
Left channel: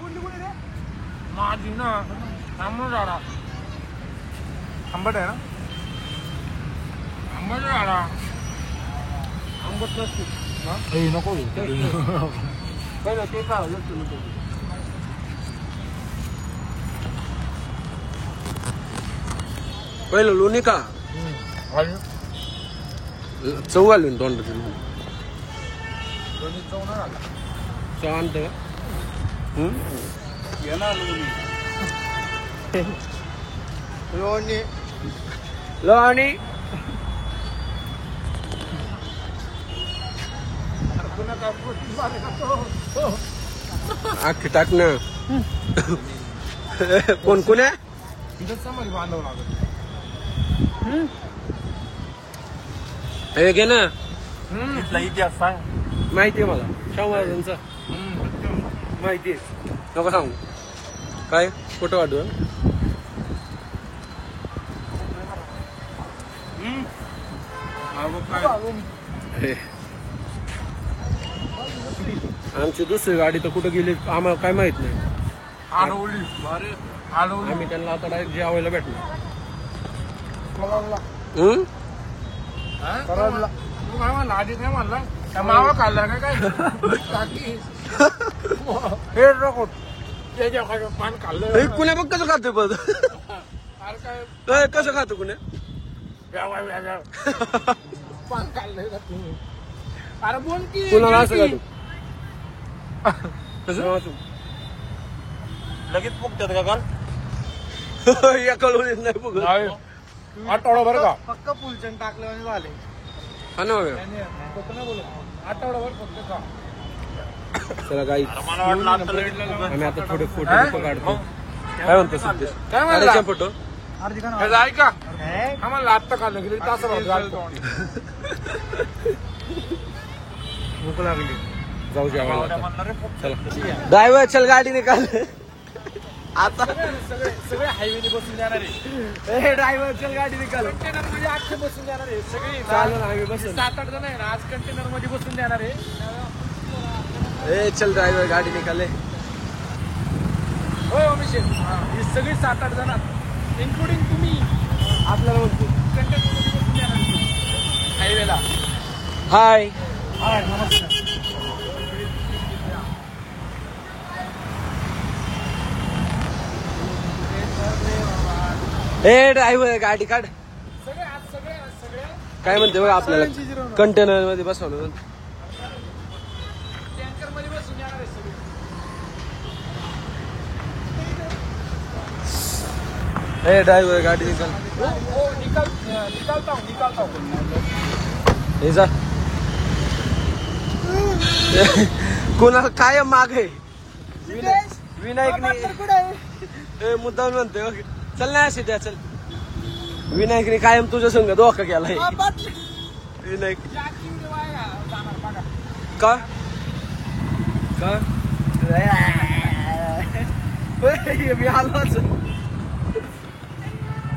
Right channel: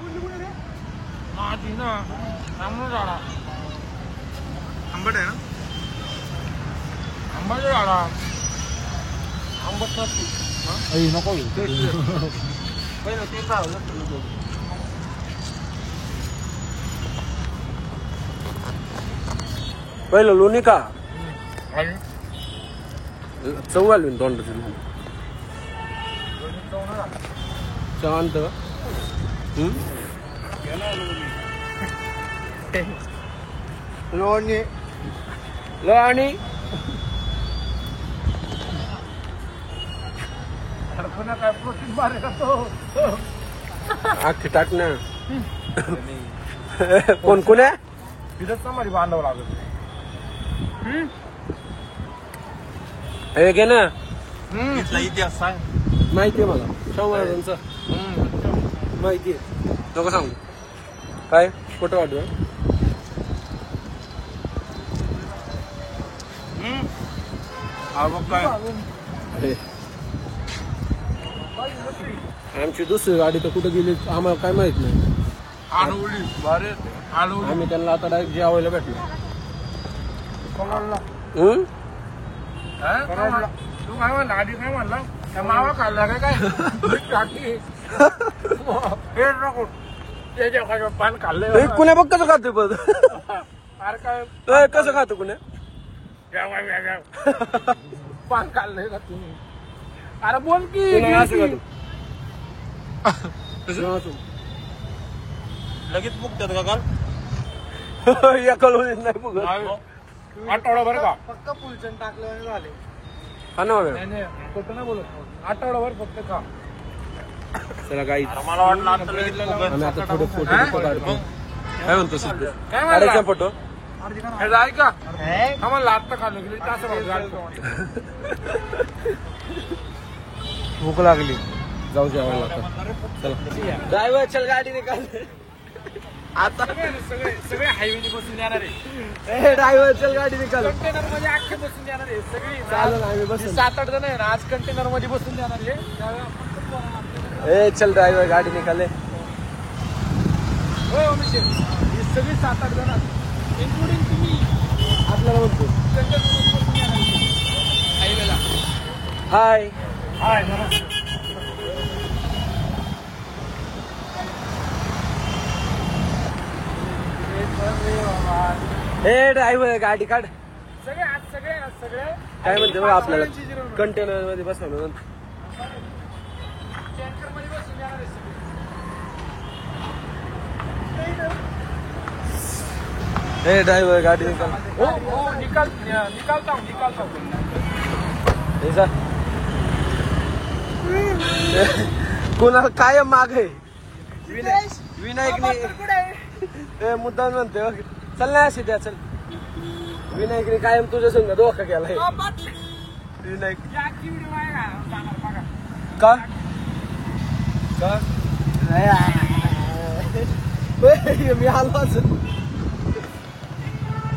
आंबट आहे ना. आंबट झाला आंबट नको ते चाललं. पहिलं लोणी का चव घालून तोंडाची लोणी चव आणत का. लोणी लोणी आखी टाकणं कोण कोण आहे तिथंच समाधी बांधावं लागत. हे घे ना. इथला इतिहास सांग. माहितीये मला शाहू महाराजांचा माहितीये. नको सांगू काय फोटो वाटू. अरे आमची दुसरी गाडी तर कुठं गेली आम्हाला काय माहित नाही. आम्ही त्यांना आता डायरेक्ट जेवायला भेटलो. तू काय म्हणला आधी काय म्हणला मावा खाल्ला काय हे नको त्याच्या पान खाल्लं. कुण्या बघ कसं खातोय पण काय कसं खातो कुण्या पान खाल्लंय का तुम्ही. अरे बोल की कुणाला असं खातो लगेच मुक्त का या कळून नाही बघ. आठवडा बरं का फक्त फुलचंद टाकलं झाले. हा ना बघा नाही बोलत आठवडाभर फक्त का. चला गाई मला वाटलं आम्ही आता थोडे फोटो काढतो. काय म्हणतो सिद्धेश काढायचा फोटो. ऐका आम्हाला आत्ता खाल्लं गेली तास भूक लागली जाऊ जेवायला आता. चला ड्रायव्हर चल गाडी निकाल आता. सगळे हायवे बसून जाणार आहे. ड्रायव्हर चल गाडी निकाल. कंटेनर मध्ये अख्खे बसून जाणार आहे सगळी. चालू आम्ही बसून 7-8 जण आहे ना आज कंटेनर मध्ये बसून जाणार आहे. चल ड्रायव्हर गाडी निकाले. सगळी 7-8 जण इन्क्लुडिंग तुम्ही आपल्याला म्हणतो कंटेनर मध्ये बसून जाणार हायवेला. हाय हाय नमस्कार. ड्रायव्हर गाडी काढ. सगळे आज सगळे काय म्हणते बघ आपल्याला कंटेनर मध्ये बसवलं. टँकर मध्ये बसून जाणार आहे सगळे. ड्रायव्हर गाडी निकाल. हो निकालता हे जा कोणाला काय माग आहे. विनायकने मुद्दाम म्हणते चल नाही असे द्या चल. विनायकने कायम तुझ्या संग धोका केलाय. विनायक का मी आलोच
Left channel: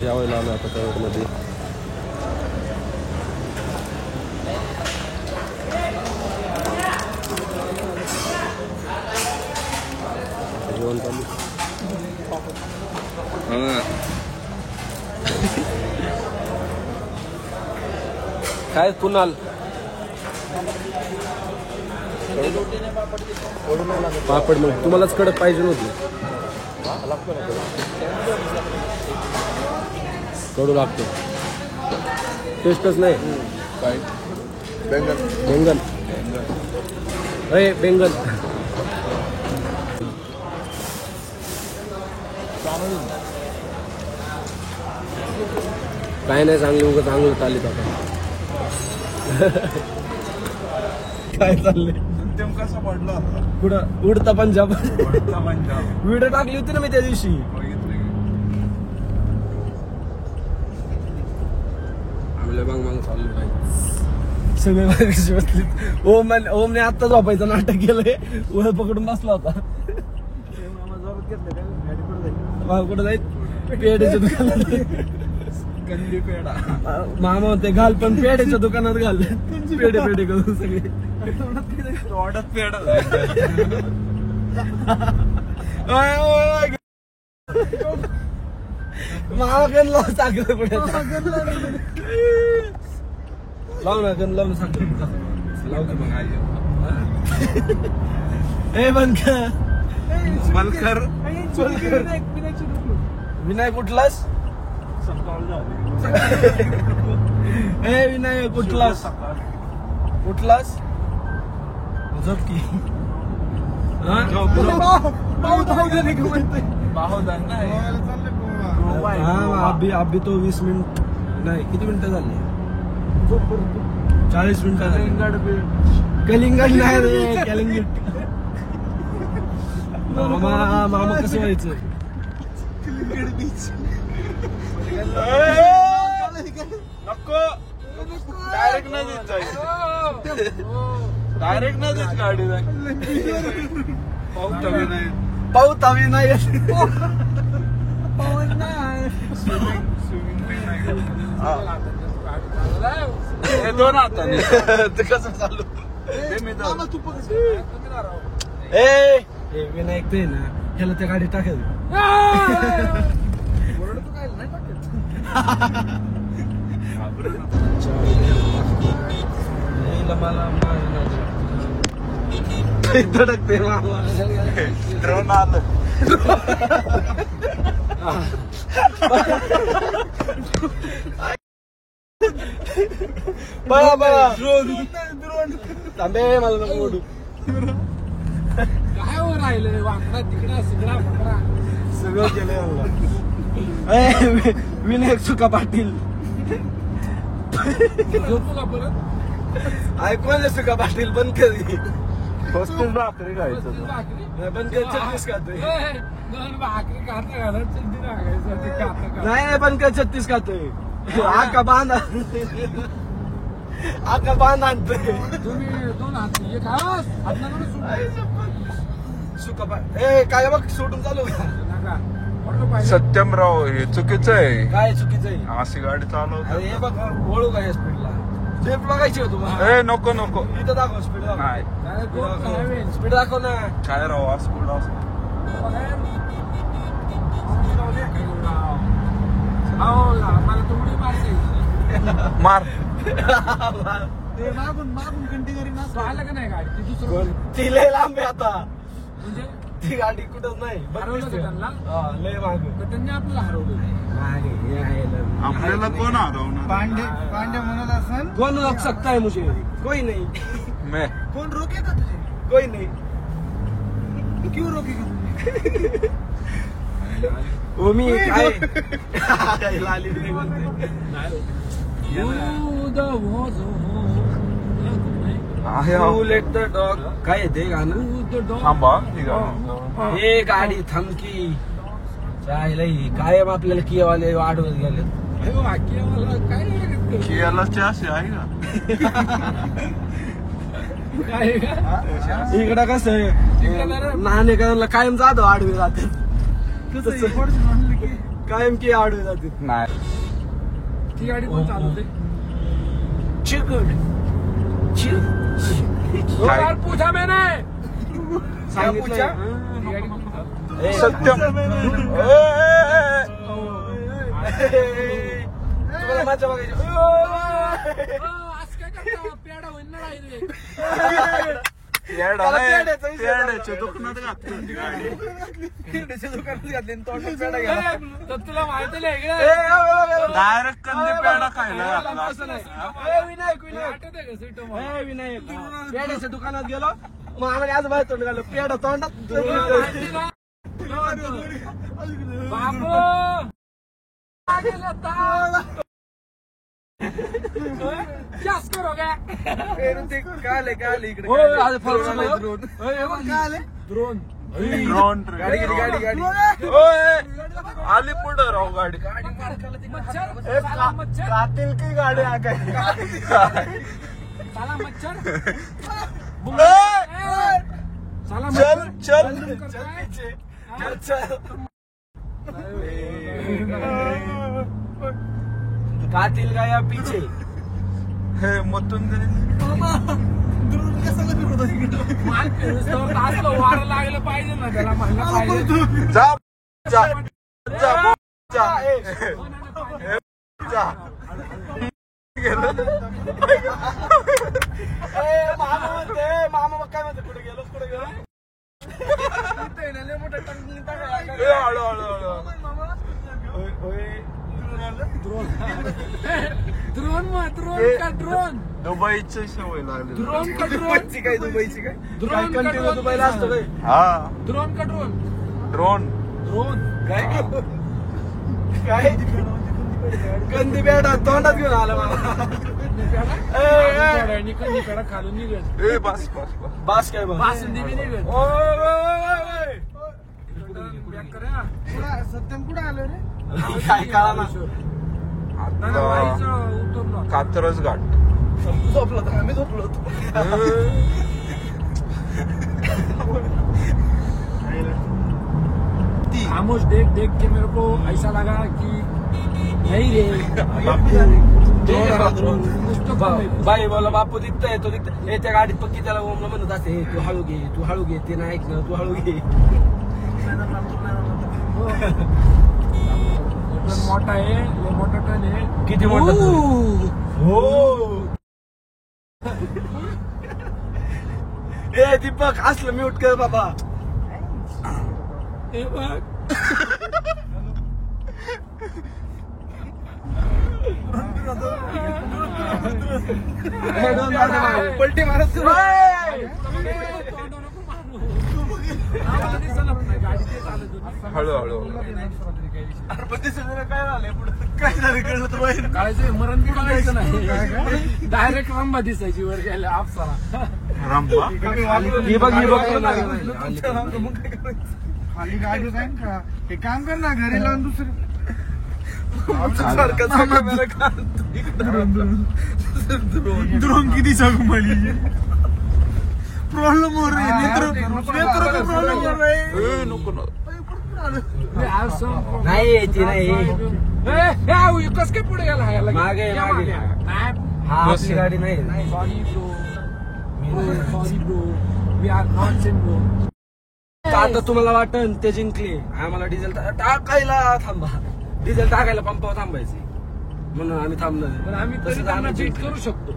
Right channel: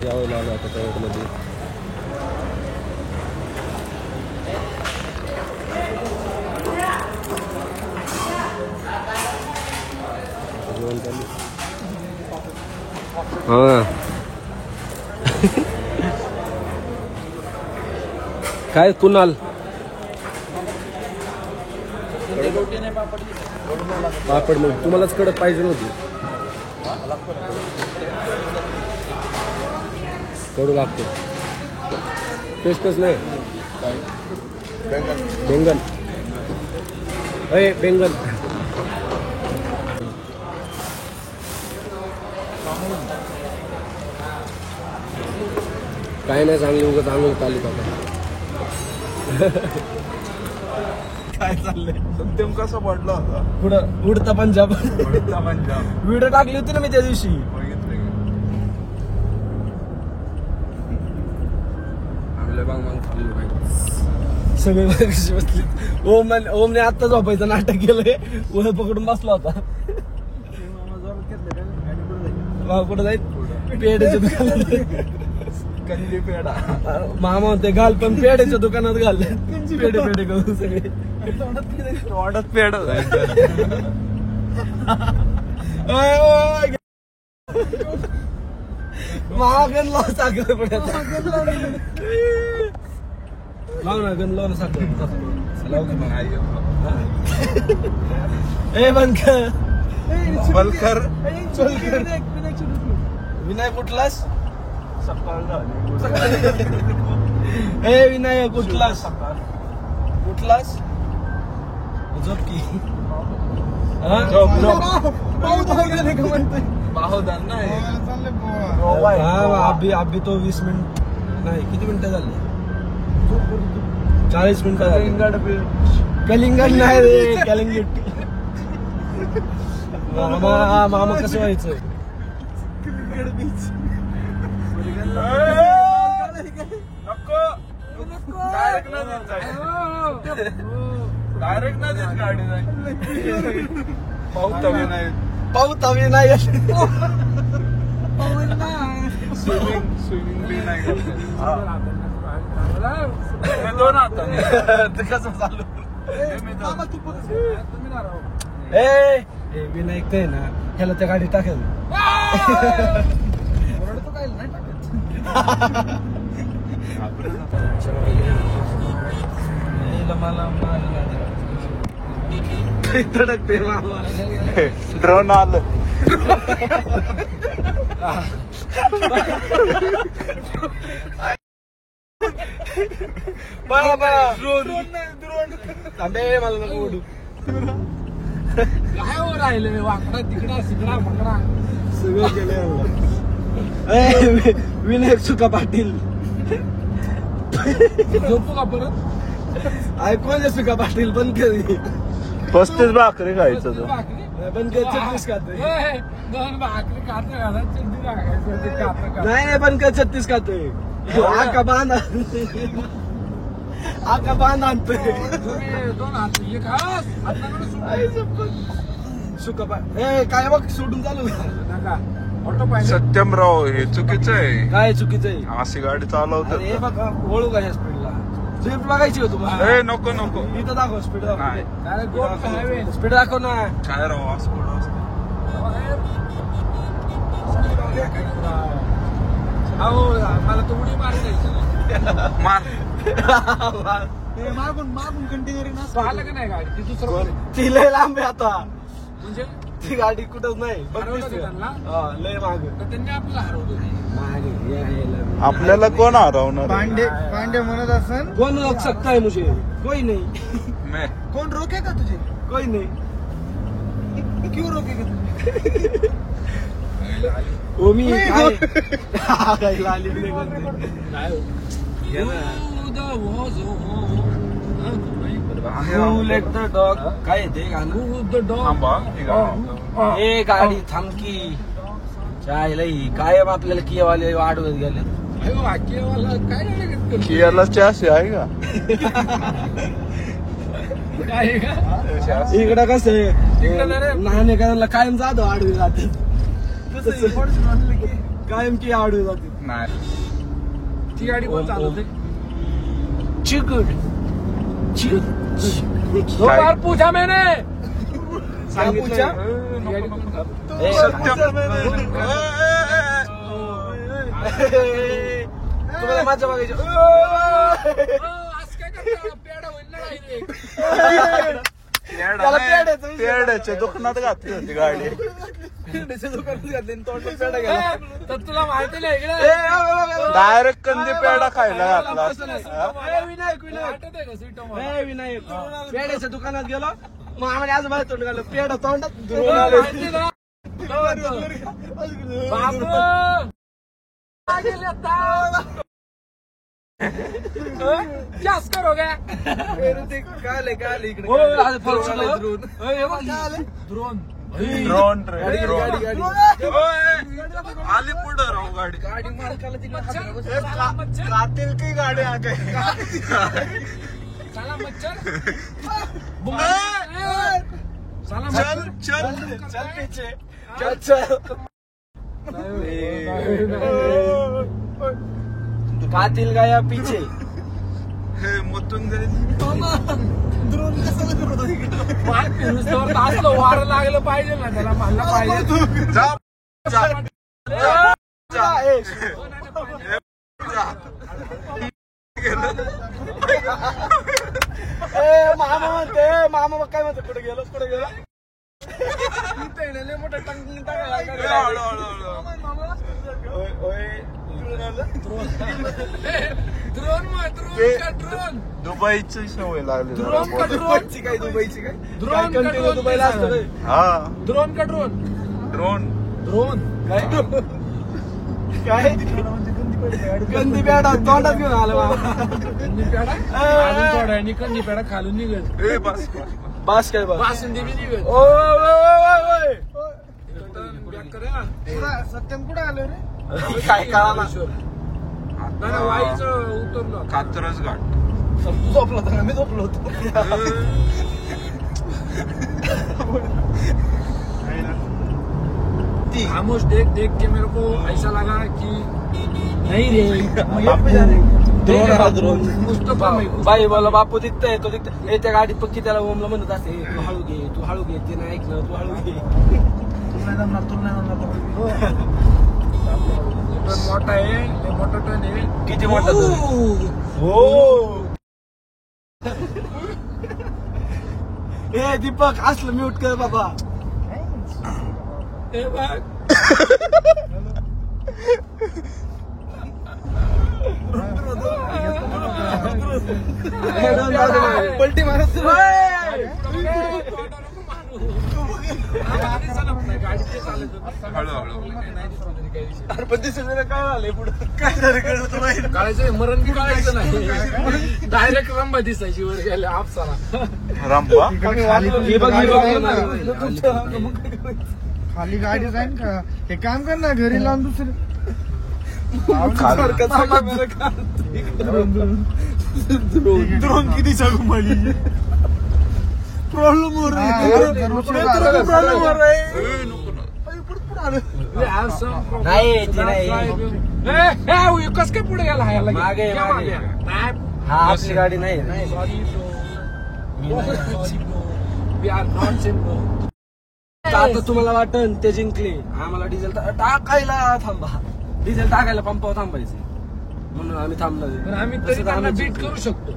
यावेळेला आलो आता तळवटमध्ये. जेवण चालू. हा काय कुणाल पापड मग तुम्हालाच कडक पाहिजे नव्हती. कडू लागतो टेस्टच नाही. बेंगन अरे बेंगन काय नाही चांगलं उगाच चांगलं चालत आता. काय चाललंय सत्यम कसा पडला होता कुठं उडता पंजाब पंजाब व्हिडिओ टाकली होती ना मी त्या दिवशी. आम्हाला बांग बांग चाललो काय सगळे मागाशी बसले. ओमने आत्ता झोपायचं नाटक केलंय. वर पकडून बसला होता. कुठं जाईल पेड्याच्या दुकानात. कंदी पेडा मामा होते घाल पण पेड्याच्या दुकानात घाल. पेढे पेढे करून सगळे वाढत पेड मामा गण लाव साखर पडायचा. लाव ना गण लाव ना साखर लाव की मग ए बंद कर. विनायक कुठलास ए विनायक कुठलास कुठलास झोप की. अभी तो 20 मिनिट नाही किती मिनिटं झाली 40 मिनिटं झाली. कलिंगड नाही रे कलिंगड. मामा कसं व्हायचं डायरेक्ट नाही गाडी पाऊत हवी नाही. दोन हाताने कसं चालू ए विनायक ते ना ह्याला त्या गाडीत टाकेल. ड्रोन आलं बघा बघा थांबे मला नको ओढू. काय राहिले वाकडा तिकडा सिगडा फुगडा सगळं केलं. विनायक सुका पाटील ऐकून सुका पाटील बंद कर. 35 भाकरी खायचं बंद कर. 36 खातोय. 2 भाकरी खातो घालत चिंती टाकायचं ते खातं नाही बंद कर. 36 खातोय. आका बांध आका बांध आणतोय. तुम्ही 2 हात हे खा सुका पाटील ए काय बघ सोडून चालू. सत्यमराव हे चुकीचं आहे. काय चुकीचं आहे अशी गाडी चालवतात. हे बघ वळू काय स्पीडला स्पीड लागायची होतो. ए नको नको इथं दाखव स्पीड नाही स्पीड दाखव ना. काय राव असं मला तर उडी मारायचं मार मागून कंटिन्यू आलं की नाही गाडी ती दुसरं ती लय लांब आहे आता. म्हणजे ती गाडी कुठंच नाही. हरवलं का त्यांना लय मागे तर त्यांनी आपलं हरवलं. आपल्याला कोण हरवणार पांडे म्हणत असेल कोण रोक सकता है मुझे कोई नहीं. मैं कोण रोकेगा तुझे कोई नहीं. क्यों रोकेगा मी काय लाली लेट द डॉग काय आहे ते गाणं. थांबा ही गाडी हे गाडी थांबकी काय लई काय आपल्याला कियावाले आडवत गेले. कियाला चॅसी आहे का इकडे कसं आहे नाणे कायम जाधव आडवे जाते. कायम की आडू जाते. नाही ती गाडी कोण चालवते? चिकन काय? पूजा मैंने क्या पूछा? सत्यम तुम्हाला माझ्या बघायचं. आज काय करता? पेढा होईल पेड्याच्या दुकानात घातली होती गाडी. दुकानात घातली तोंडात पेढा गेला. तर तुला माहिती नाही डायरेक्ट कंदी पेढा खायला घातला. आठवते का स्वीट पेढ्याच्या दुकानात गेलो मग आम्ही आज बाहेर तोंड घाललं पेढा तोंडात. जास्त करो क्या ते काय आलं इकडे ड्रोन ड्रोन गाडी गाडी आली पुढं राहू गाडी. कातील की गाडी आ गई. साला मच्छर चल चल कातील गाया पीछे. हे मतून वारं लागलं पाहिजे ना त्याला म्हणलं पाहिजे. जा जा जा जा जा मामा म्हणते मामा मग काय म्हणते कुठे गेलो मोठा टंकी हळू हळू ड्रोन का ड्रोन दुबईची सवय लागली. दुबईची काय ड्रोन का ड्रोन दुबईला असतो रे. हा ड्रोन का ड्रोन ड्रोन काय कंदी पेढा तोंडात घेऊन आला बाबा. कंदी पेढा खालून निघेल. ए बस बस बस बस काय बस बासुंदी बी निघेल. सत्यम कुठे आलो रे काय कळा कात्रज घाट. झोपलो होतो मी झोपलो होतो. खामोश देख के मेरे को ऐसा लगा कि नहीं बाई बोला बापू दिखतंय तो दिखतंय त्या गाडीत पक्की त्याला ओमला म्हणत असते तू हळू घे ते नाही ऐकलं तू हळू घे. मोठा आहे मोठा ट्रेन आहे. किती मोठा हो ए दीपक असलं म्यूट कर बाबा. पलटी मारत हळू हळू पण ते सगळं काय झालंय पुढे काय झालं काळाचं मरण बी बघायचं नाही. डायरेक्ट रंबा दिसायची वर गेल्या आपसाला रामबा. खाली गाडी जाईन का हे काम कर ना घरी लावून दुसरं ड्रोन किती सांगू मला प्रॉब्लेम हो कस काय पुढे गेला मागे आपली गाडी नाही. आता तुम्हाला वाटून ते जिंकले आम्हाला डिझेल टाकायला थांबा. डिझेल टाकायला पंपावर थांबायचे म्हणून आम्ही थांबणार. आम्ही बीट करू शकतो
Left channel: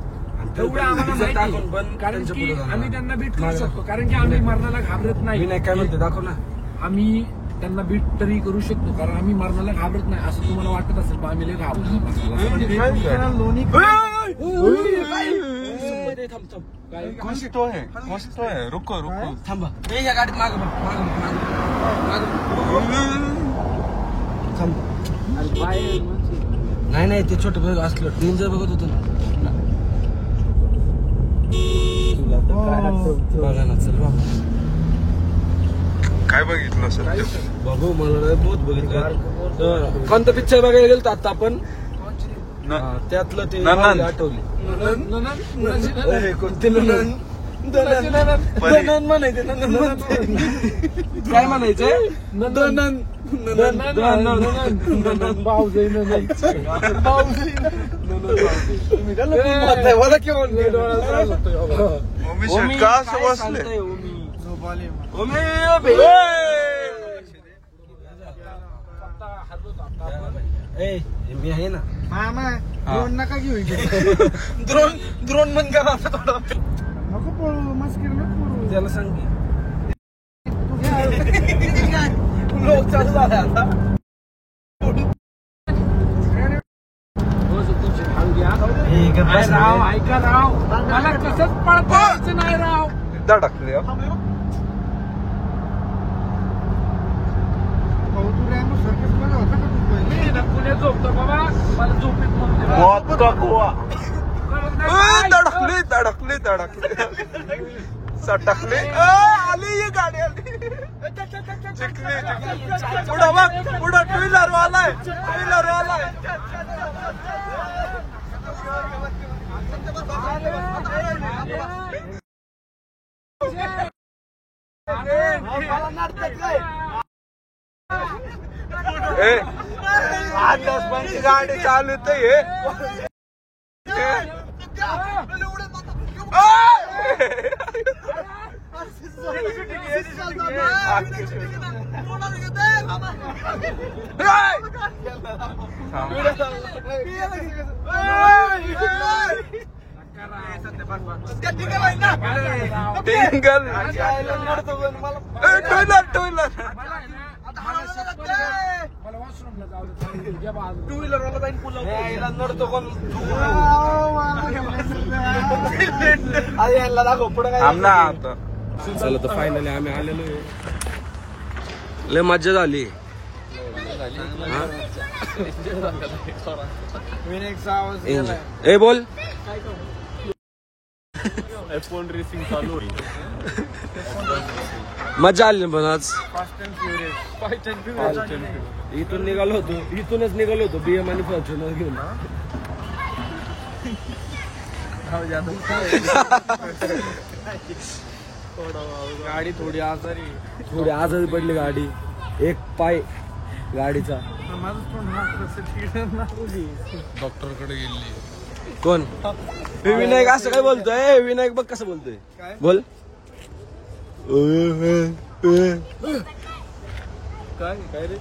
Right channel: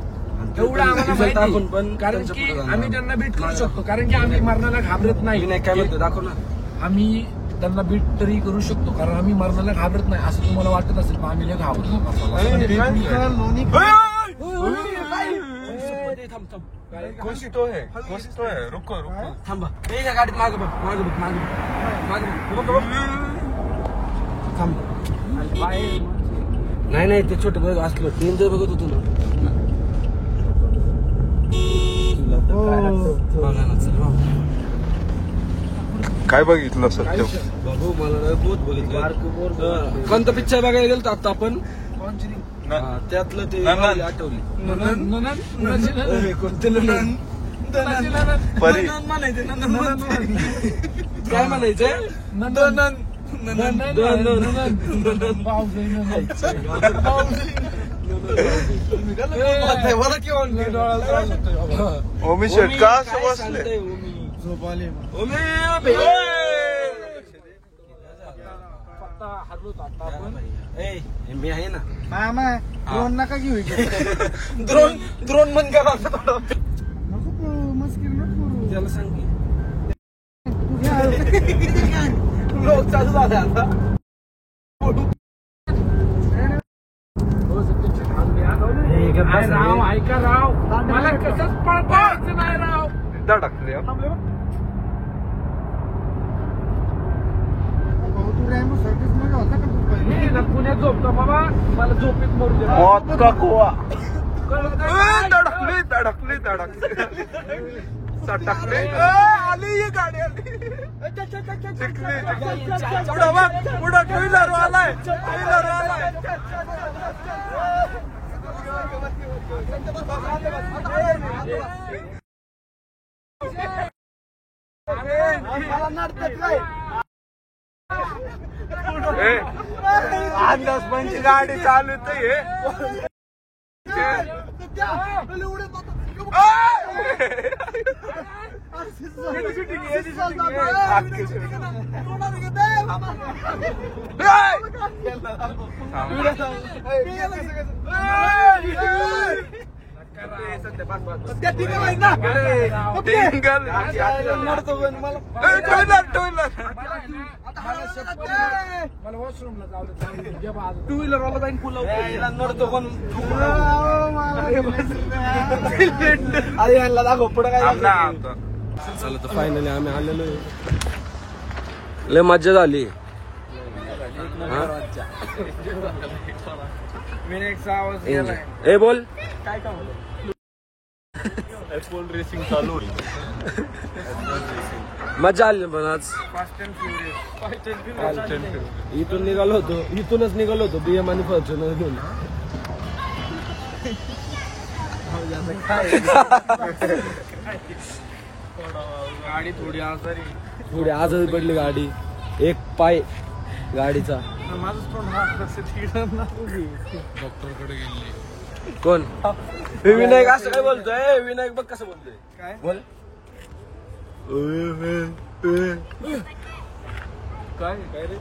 डिझेल टाकून पण कारण की आम्ही त्यांना बीट करू शकतो कारण की आम्ही मरणाला घाबरत नाही. काय म्हणतो दाखव ना. आम्ही त्यांना बीट तरी करू शकतो कारण आम्ही मरणाला घाबरत नाही असं तुम्हाला वाटत असेल पण आम्ही घाबरतो. मस्त आहे रुको रुको थांबा गाडीत माग थांब. नाही ते छोटं बघ असलं मी जर बघत होतो ना काय बघितलं सत्य बाबू मला बहुत बघितलं. कोणतं पिक्चर बघायला गेलो आता आपण त्यातलं ते आठवली कोणते म्हणायचे काय म्हणायचंय ओमी शेट का असं बसले झोप आली मी आहे ना मामा ड्रोन नका घेऊ ड्रोन बंद करा नको पळू मस्किर नको पळू त्याला सांग की तू घ्या लोक चालू झाला आता राव ऐका राव मला कसंच पळता नाही राव धडकले भाऊ तू रेनो सर्कस मध्ये होता का तू पहिले? मी ना पुण्यात झोपतो बाबा मला झोपेत मरू दे मौत का कुआ कळलं ना? धडकली धडकली धडकली सटकली आली ही गाडी आली चिकली पुढं बघ पुढं टू व्हीलर वालाय अंदाज पंची गाडी चालत आहे टू व्हीलर मला वॉशरूमला जाऊ टू व्हीलर वाला जाईन पुल नडतो पण अरे यांना दाखव पुढे काय आमना आता चला तर फायनली आम्ही आलेलो आहे लय मज्जा झाली हा? विनायकचा आवाज ए बोल रेसिंग चालू होईल मजा आली पण आज फास्ट अँड फ्युरियस इथूनच निघालो होतो बीएम आणि फॉर्च्युनर घेऊन गाडी थोडी आजारी थोडी आजारी पडली गाडी एक पाय गाडीचा कोण हे विनायक असं काय बोलतोय विनायक बघ कसं बोलतोय बोल काय रे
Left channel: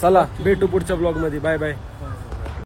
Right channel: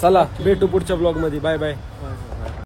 चला भेटू पुढच्या ब्लॉग मध्ये बाय बाय